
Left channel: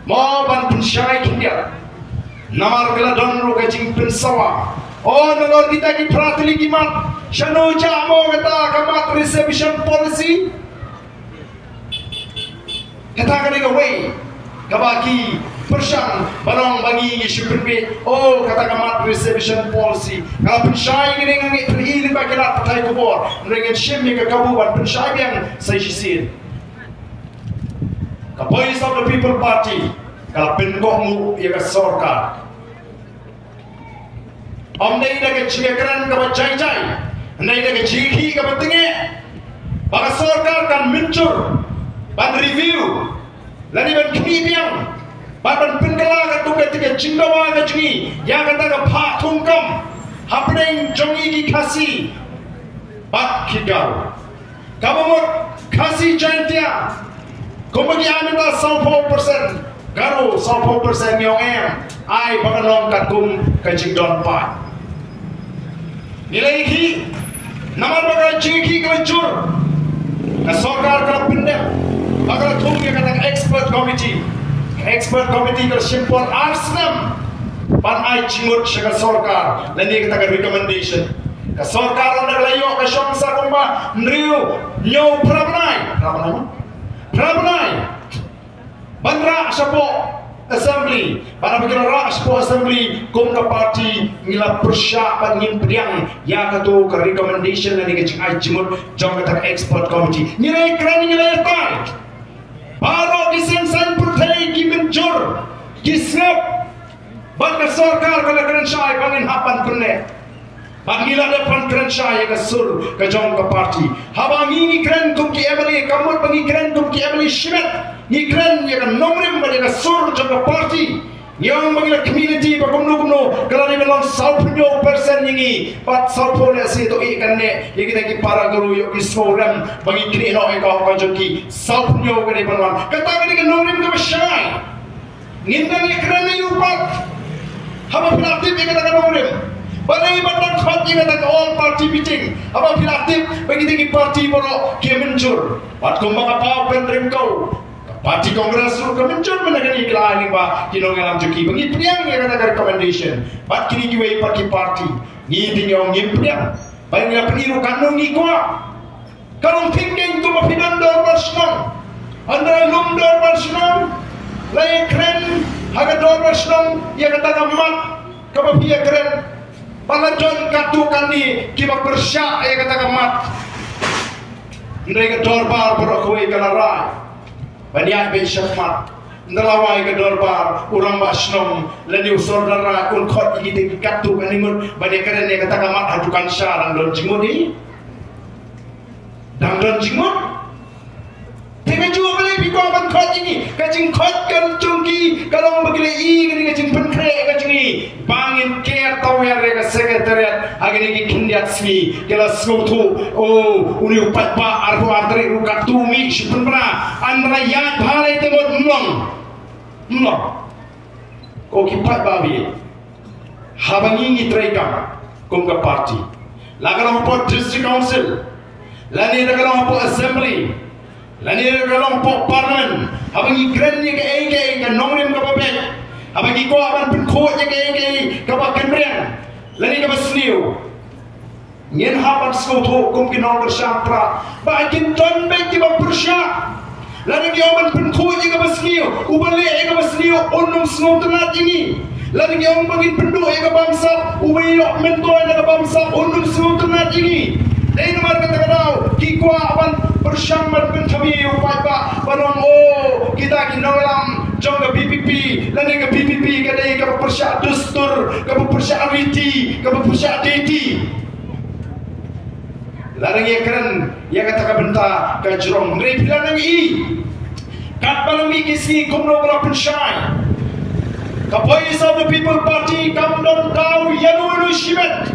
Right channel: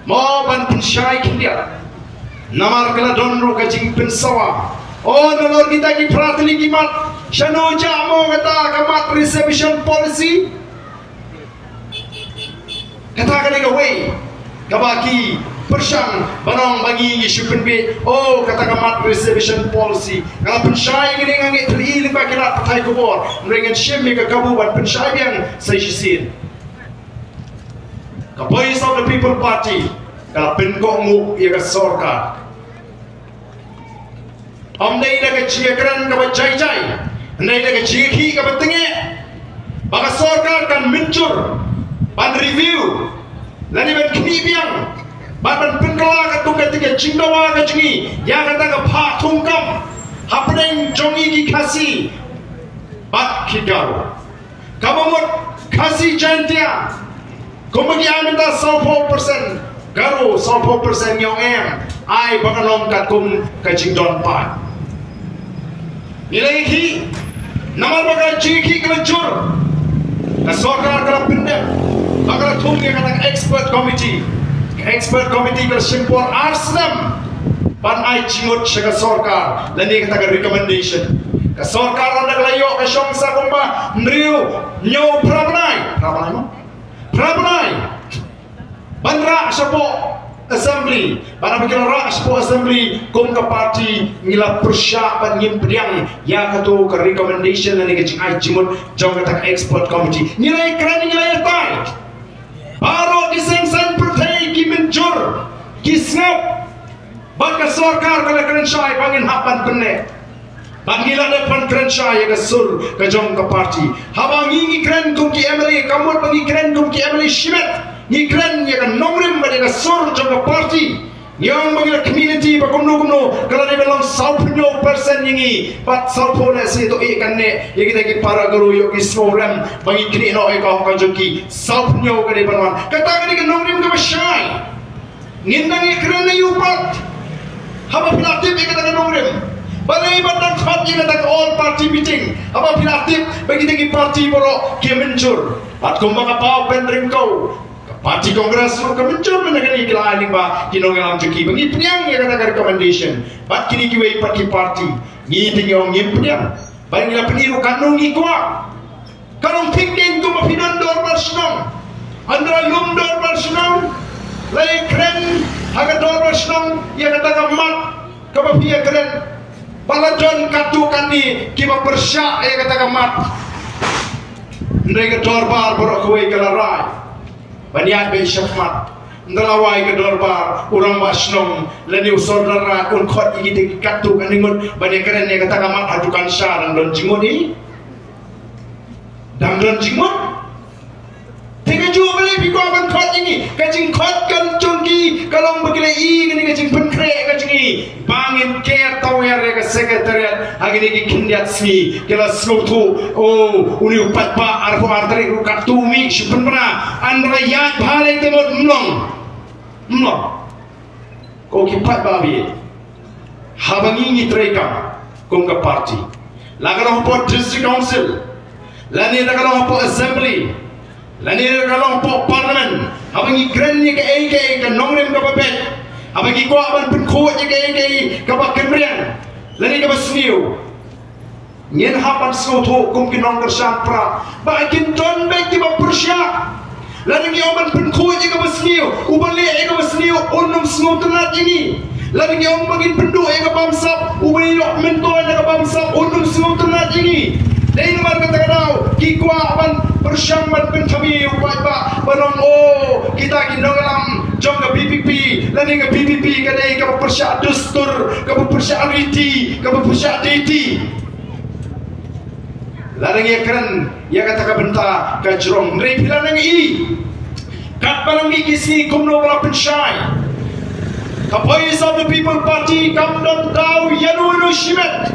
mo ban pensyai kindia namar kala don ro ka jing pensawa oh nolor kita ki pratini kimat Shano jamo kata kamat reservation policy kata kani way kabaki persang banong bagi isupen be oh kata kamat reservation policy kalau pensyai ini ngangi terili pakilat patai kubor dengan shim ke kabuban pensyai yang saya sisir ka Voice of the People Party kalau penkomu ia ka sarkar amdai da ke ciakran ka bajai Andai dia keciki ke pentingnya, baka sarkar kan muncul, ban review, lani ban kinibiang, ban pengkala ke tu ketika cindawa ke jengi, yang kata ke pak tungkam, hapeng jongi ki kasi, bat kigau, kamu mut kasi jantia, kau bagi anda 10%, Garo 20% yang ai bakalong katum kajing John Pai. Nilai ki nama bagai ciki kelenjur. Na sorkar kalau pendek, bakal tunggu kata expert committee kalau simpul arslam. Pan ai cingut syaga sorkar, dan dia kata recommendation. Ka sorkar orang naglayo ka siyang sa kumba nriyo nyo Prabnai banra siya po assembly para magkira siya po assembly kung ka party nila persya pan ngimpriang ya kato ka recommendation na naging ay jimot jong kata expert committee nila ikran nila yatay paro disensan pertay kimenjur kisnap baka sorkar kalakaran siya ay pangin hapan perne Panggilan depan keren saya ke sur ke jong ke parti. Habang ini keren kum ki Emily kamu bagi keren kum ki Emily Schmidt. Ni keren ya ke nomrim bagi ke sur jong ke parti. Yang bagi community bakumno kalau dia bilang 90% ini pat 90% itu ikan ne yang kita ki para guru yuk ki snorem bagi kini no eka kan joki 90% ke depan kata ke nomrim ke syai. Ngindang ya keren na yupat. Habang pilatip ya kata nomrim. Balai bandang khati kata ke all party meeting. Apa pilatif bagi tinggi parti borok ke mencur. At kung mga pa-open kau. Parti kongres lu ke mencur menagani kila ini ba kinongalang juki. Bagi penyang ya kata recommendation. Bat kini kiwai parti. Ni tinggal ngim penyang. Bagi nila peniru kanong ikwa. Kalau thinking tu mapinan dor bersenang. Andra lum dor bersenang. Lai keren haga dor bersenang. Ya kata ngamat. Kapapia keren. Palajon katukan ni kima persya ay katakan mat. Ndai ke dorbar borok kuai kalarai. Banyak be syafmat. Ndalawai ke dorbar urang basnong lani usodara kun khot igi katu kaningun banyak keren yang katakan mat hadukan syarang don jingun ni. Dan don jingun. Tengah jual beli pikau ban khot ini. Kajing khot kan cungki kalau begila i kini kajing penkre kajing i. Bangin care tau ya rega sekretariat agini ki kindiat smi kela slutu uni upat ba arko arteri rukat tumi syupen pernah andra yat bhalai temot mlong ko ki pat ba bi habangi ni trekam kong ka party lagalo po district council lani lagalo po assembly lani lagalo po parliament habangi grenni ka AK ka nongrem ka babet abang ko aban penkot je ke kabak kemrian lani ka basniu nyen hapan snoto kum kinong kersampra ba kin ton be ki ba persya lani ki aban penkot je ka basniu ubale e ka basniu onum snotenat ini lani ki aban bagi penduk e ka bamsap ubai yok mentoy ka bamsap onum snotenat ini dai nomor kata kadau ki ko aban persyang man pentami upat ba banong kita kinong lam jong ke PPP lani ke PPP kadai ke persya dustur ke persya RT ke persya DT lani ya keren ya kata ka benta ka jrong rei pilanang ini kat balang ikisi kumno wala pensyai ka voice of the people party kam don daw yanu shimet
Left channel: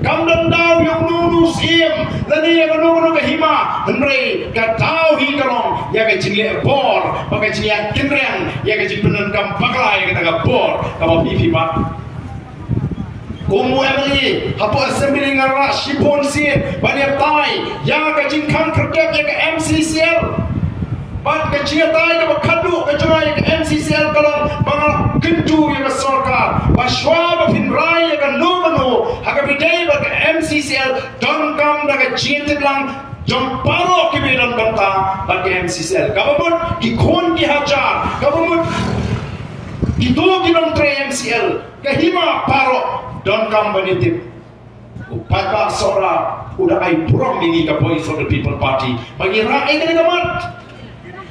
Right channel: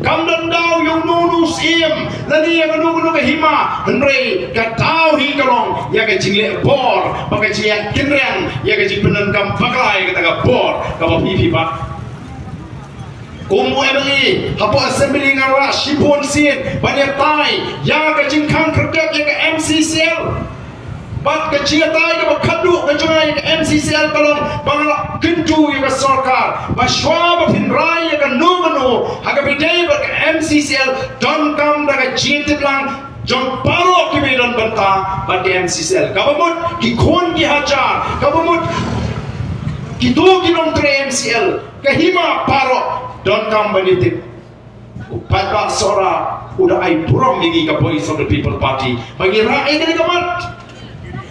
kam don daw yung nunus iem lani yang nunu ke hima henrei ka daw hingalong ya ka jingle bor pakai jingle kinreng ya ka jipenen kam baklai kata ka bor ka pipi ba Umu Emily, hapo assembly ngara shipon sin, banyak tai, ya ka jingkang kerjap ya ka MCCL, ban ka jia tai ka kadu ka jaya ka MCCL kalong bang kentu ya ka sarkar, ba shwa ba pinrai ya ka numano, haga bidai ba ka MCCL don kam da ka jinte blang jong paro ki don banta ba ka MCCL, kabamut ki khon ki hajar, kabamut ki tu ki don 3 MCL, ka hima paro don kam banitik upat ba sora udah ai burong lagi ka voice of the people party bagi rakyat dari kamat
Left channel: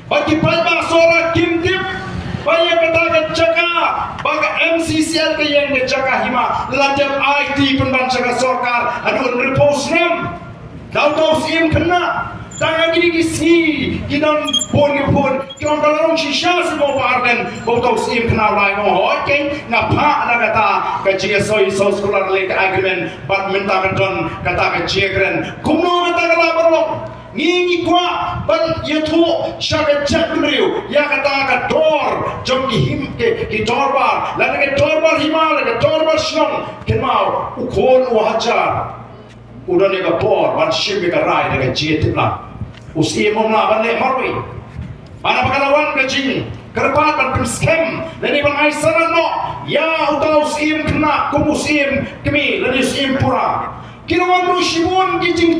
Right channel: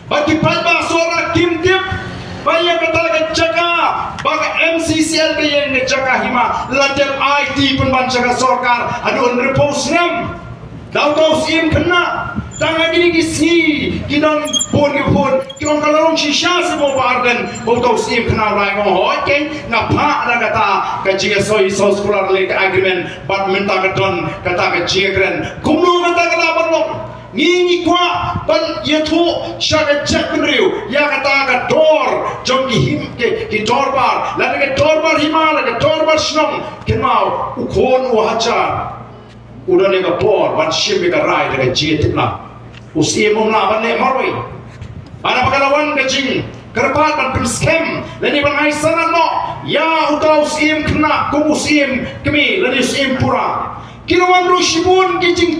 bagi pat ba sora kim tip banyak kata ke jaga bagi MCCL ke yang ke jaga hima lanjut IT penbanca ke sorkar aduh repose nam daw kau sim kena tangan ini kisni kidon pon kidon kalong shisha semua barden botol sim kena lai ngoh ken ngapa na kata ka GSO sekolah lek agreement bat minta ke don kata ke jegren kumno mata kala barlo ngingi kwa ban yetu syaga cek penriu ya kata ka dor jom ki dorbar la ke dorbar himal ke dorbar snong kemau ukon hajar udah ne ka por ban shimbe ka rai de jiet la usi mom na ban ne marwi ana pakalawan ka jing kerpat ban pemskem lani ban ai sana no ya uta usim kena kum usim kemi lani usim pura kiruan ru shibun ki jing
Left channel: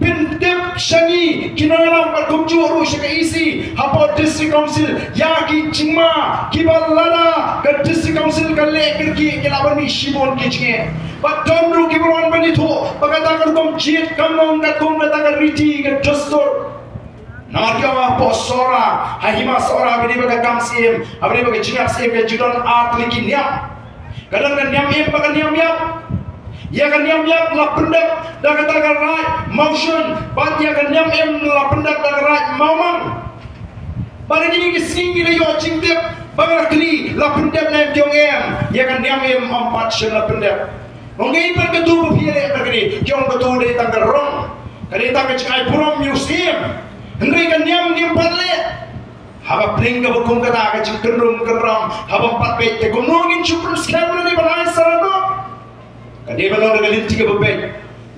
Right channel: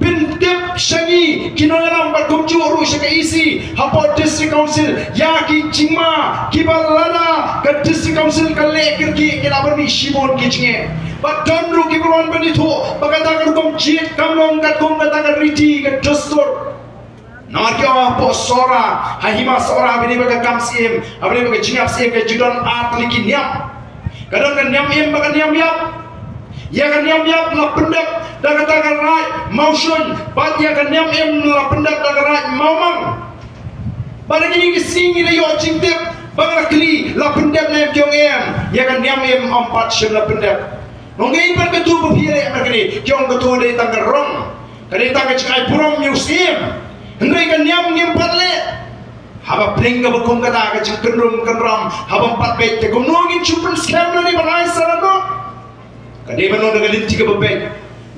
bintip syangi kinalam berkunjung urus ke isi hapa district council ya ki cingma ki balada ke district council ke lekir ki kilabani shibon ki cinge badan ru ki beruan benito bagatakan kom jit kamong kat kom batang riti ke dostor narya posora hahima sora bini baga kamsim abni baga cingap sim ke judan apliki niam kadang kan niam im baga niam yap ya kan niam yap la pendak dan katakan right motion bat ya kan niam im la pendak dan right momang pada gini kesingi le yo cingtip baga kli la pendak nem jong em ya kan niam im empat shen la pendak nongai pan ketu bhiere bagri jong ketu de tanggarong kali tangga cikai purom museum hendai kan niam patle haba pringga bukum kata ka cikendrum kenram haba empat bet ke gomnongin chupen scam ni banai sarano kade banon dengan linti ke bebek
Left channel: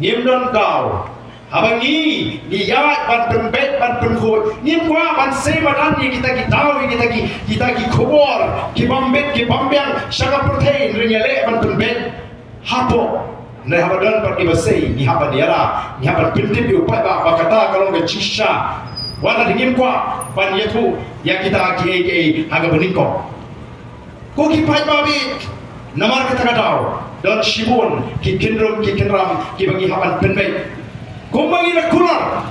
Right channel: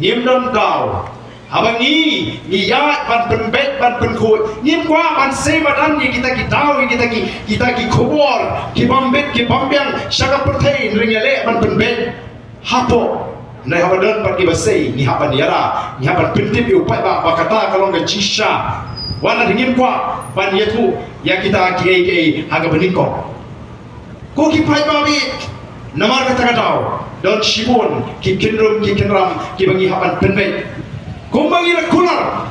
nyem don dau haba ni ya ban pembet ban penkut nyem kwa ban semadan ni kita dau kita ki khobor ki bambet ki bambyang syaga perthai ringale ban pembet hapo nai haba don pergi basai ni haba niara ni haba pintip upai ba kata kalau ke cisha wana dingim kwa ban yetu ya kita ki haga beningko ko ki pai babi namar kata dau dan shibon ki kinram ki bangi haban penbei gombangi la kular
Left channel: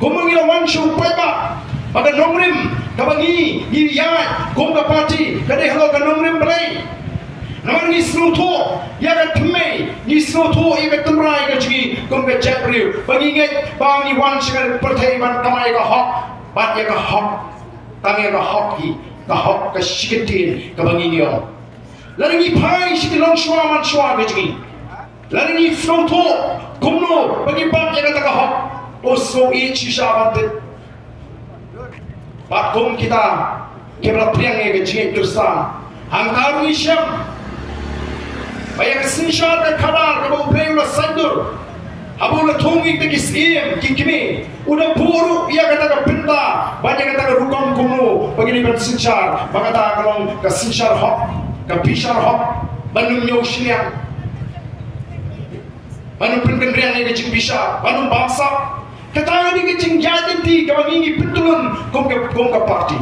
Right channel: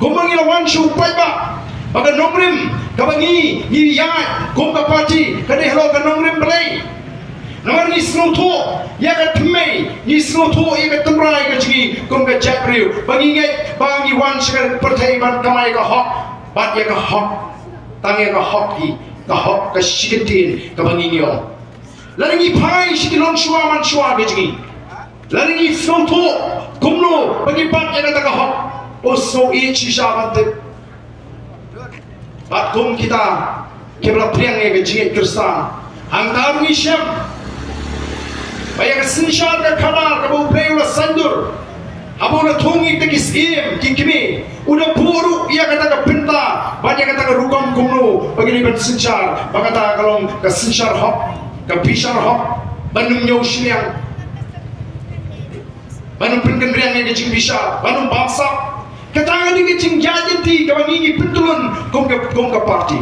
gombangi la wanshu paiba pada nomrim kabangi ni ya gomba party kade hello ka nomrim play namar ni snoto ya ka tmei ni snoto ya ka tumrai ka chi gomba chapriu bangi nge bangi wansh ka partai ban kamai ka hok bat ya ka hok tangi ka hoki ka hok ka shikitin ka bangi yo lagi pai sikilong shua man shua gejgi lagi soto kumno bagi pak yang kata hok oso i chisha mate bakum kita kebla priang yang gejgi kristan angkar ni syam bayang sinsha ka kabar ka bu playula sandur abula thungi te kisim kikimi una buru ia kata ka pinta banyak kata ka rukam kumno bagi ni sinsar bagata kalong ka sinsar hok kabisar hok banum nyaushliang banum penkendriang yang dicing bisa banum bangsa ketangan di kecing jadi ti kawangi petulun kong ke parti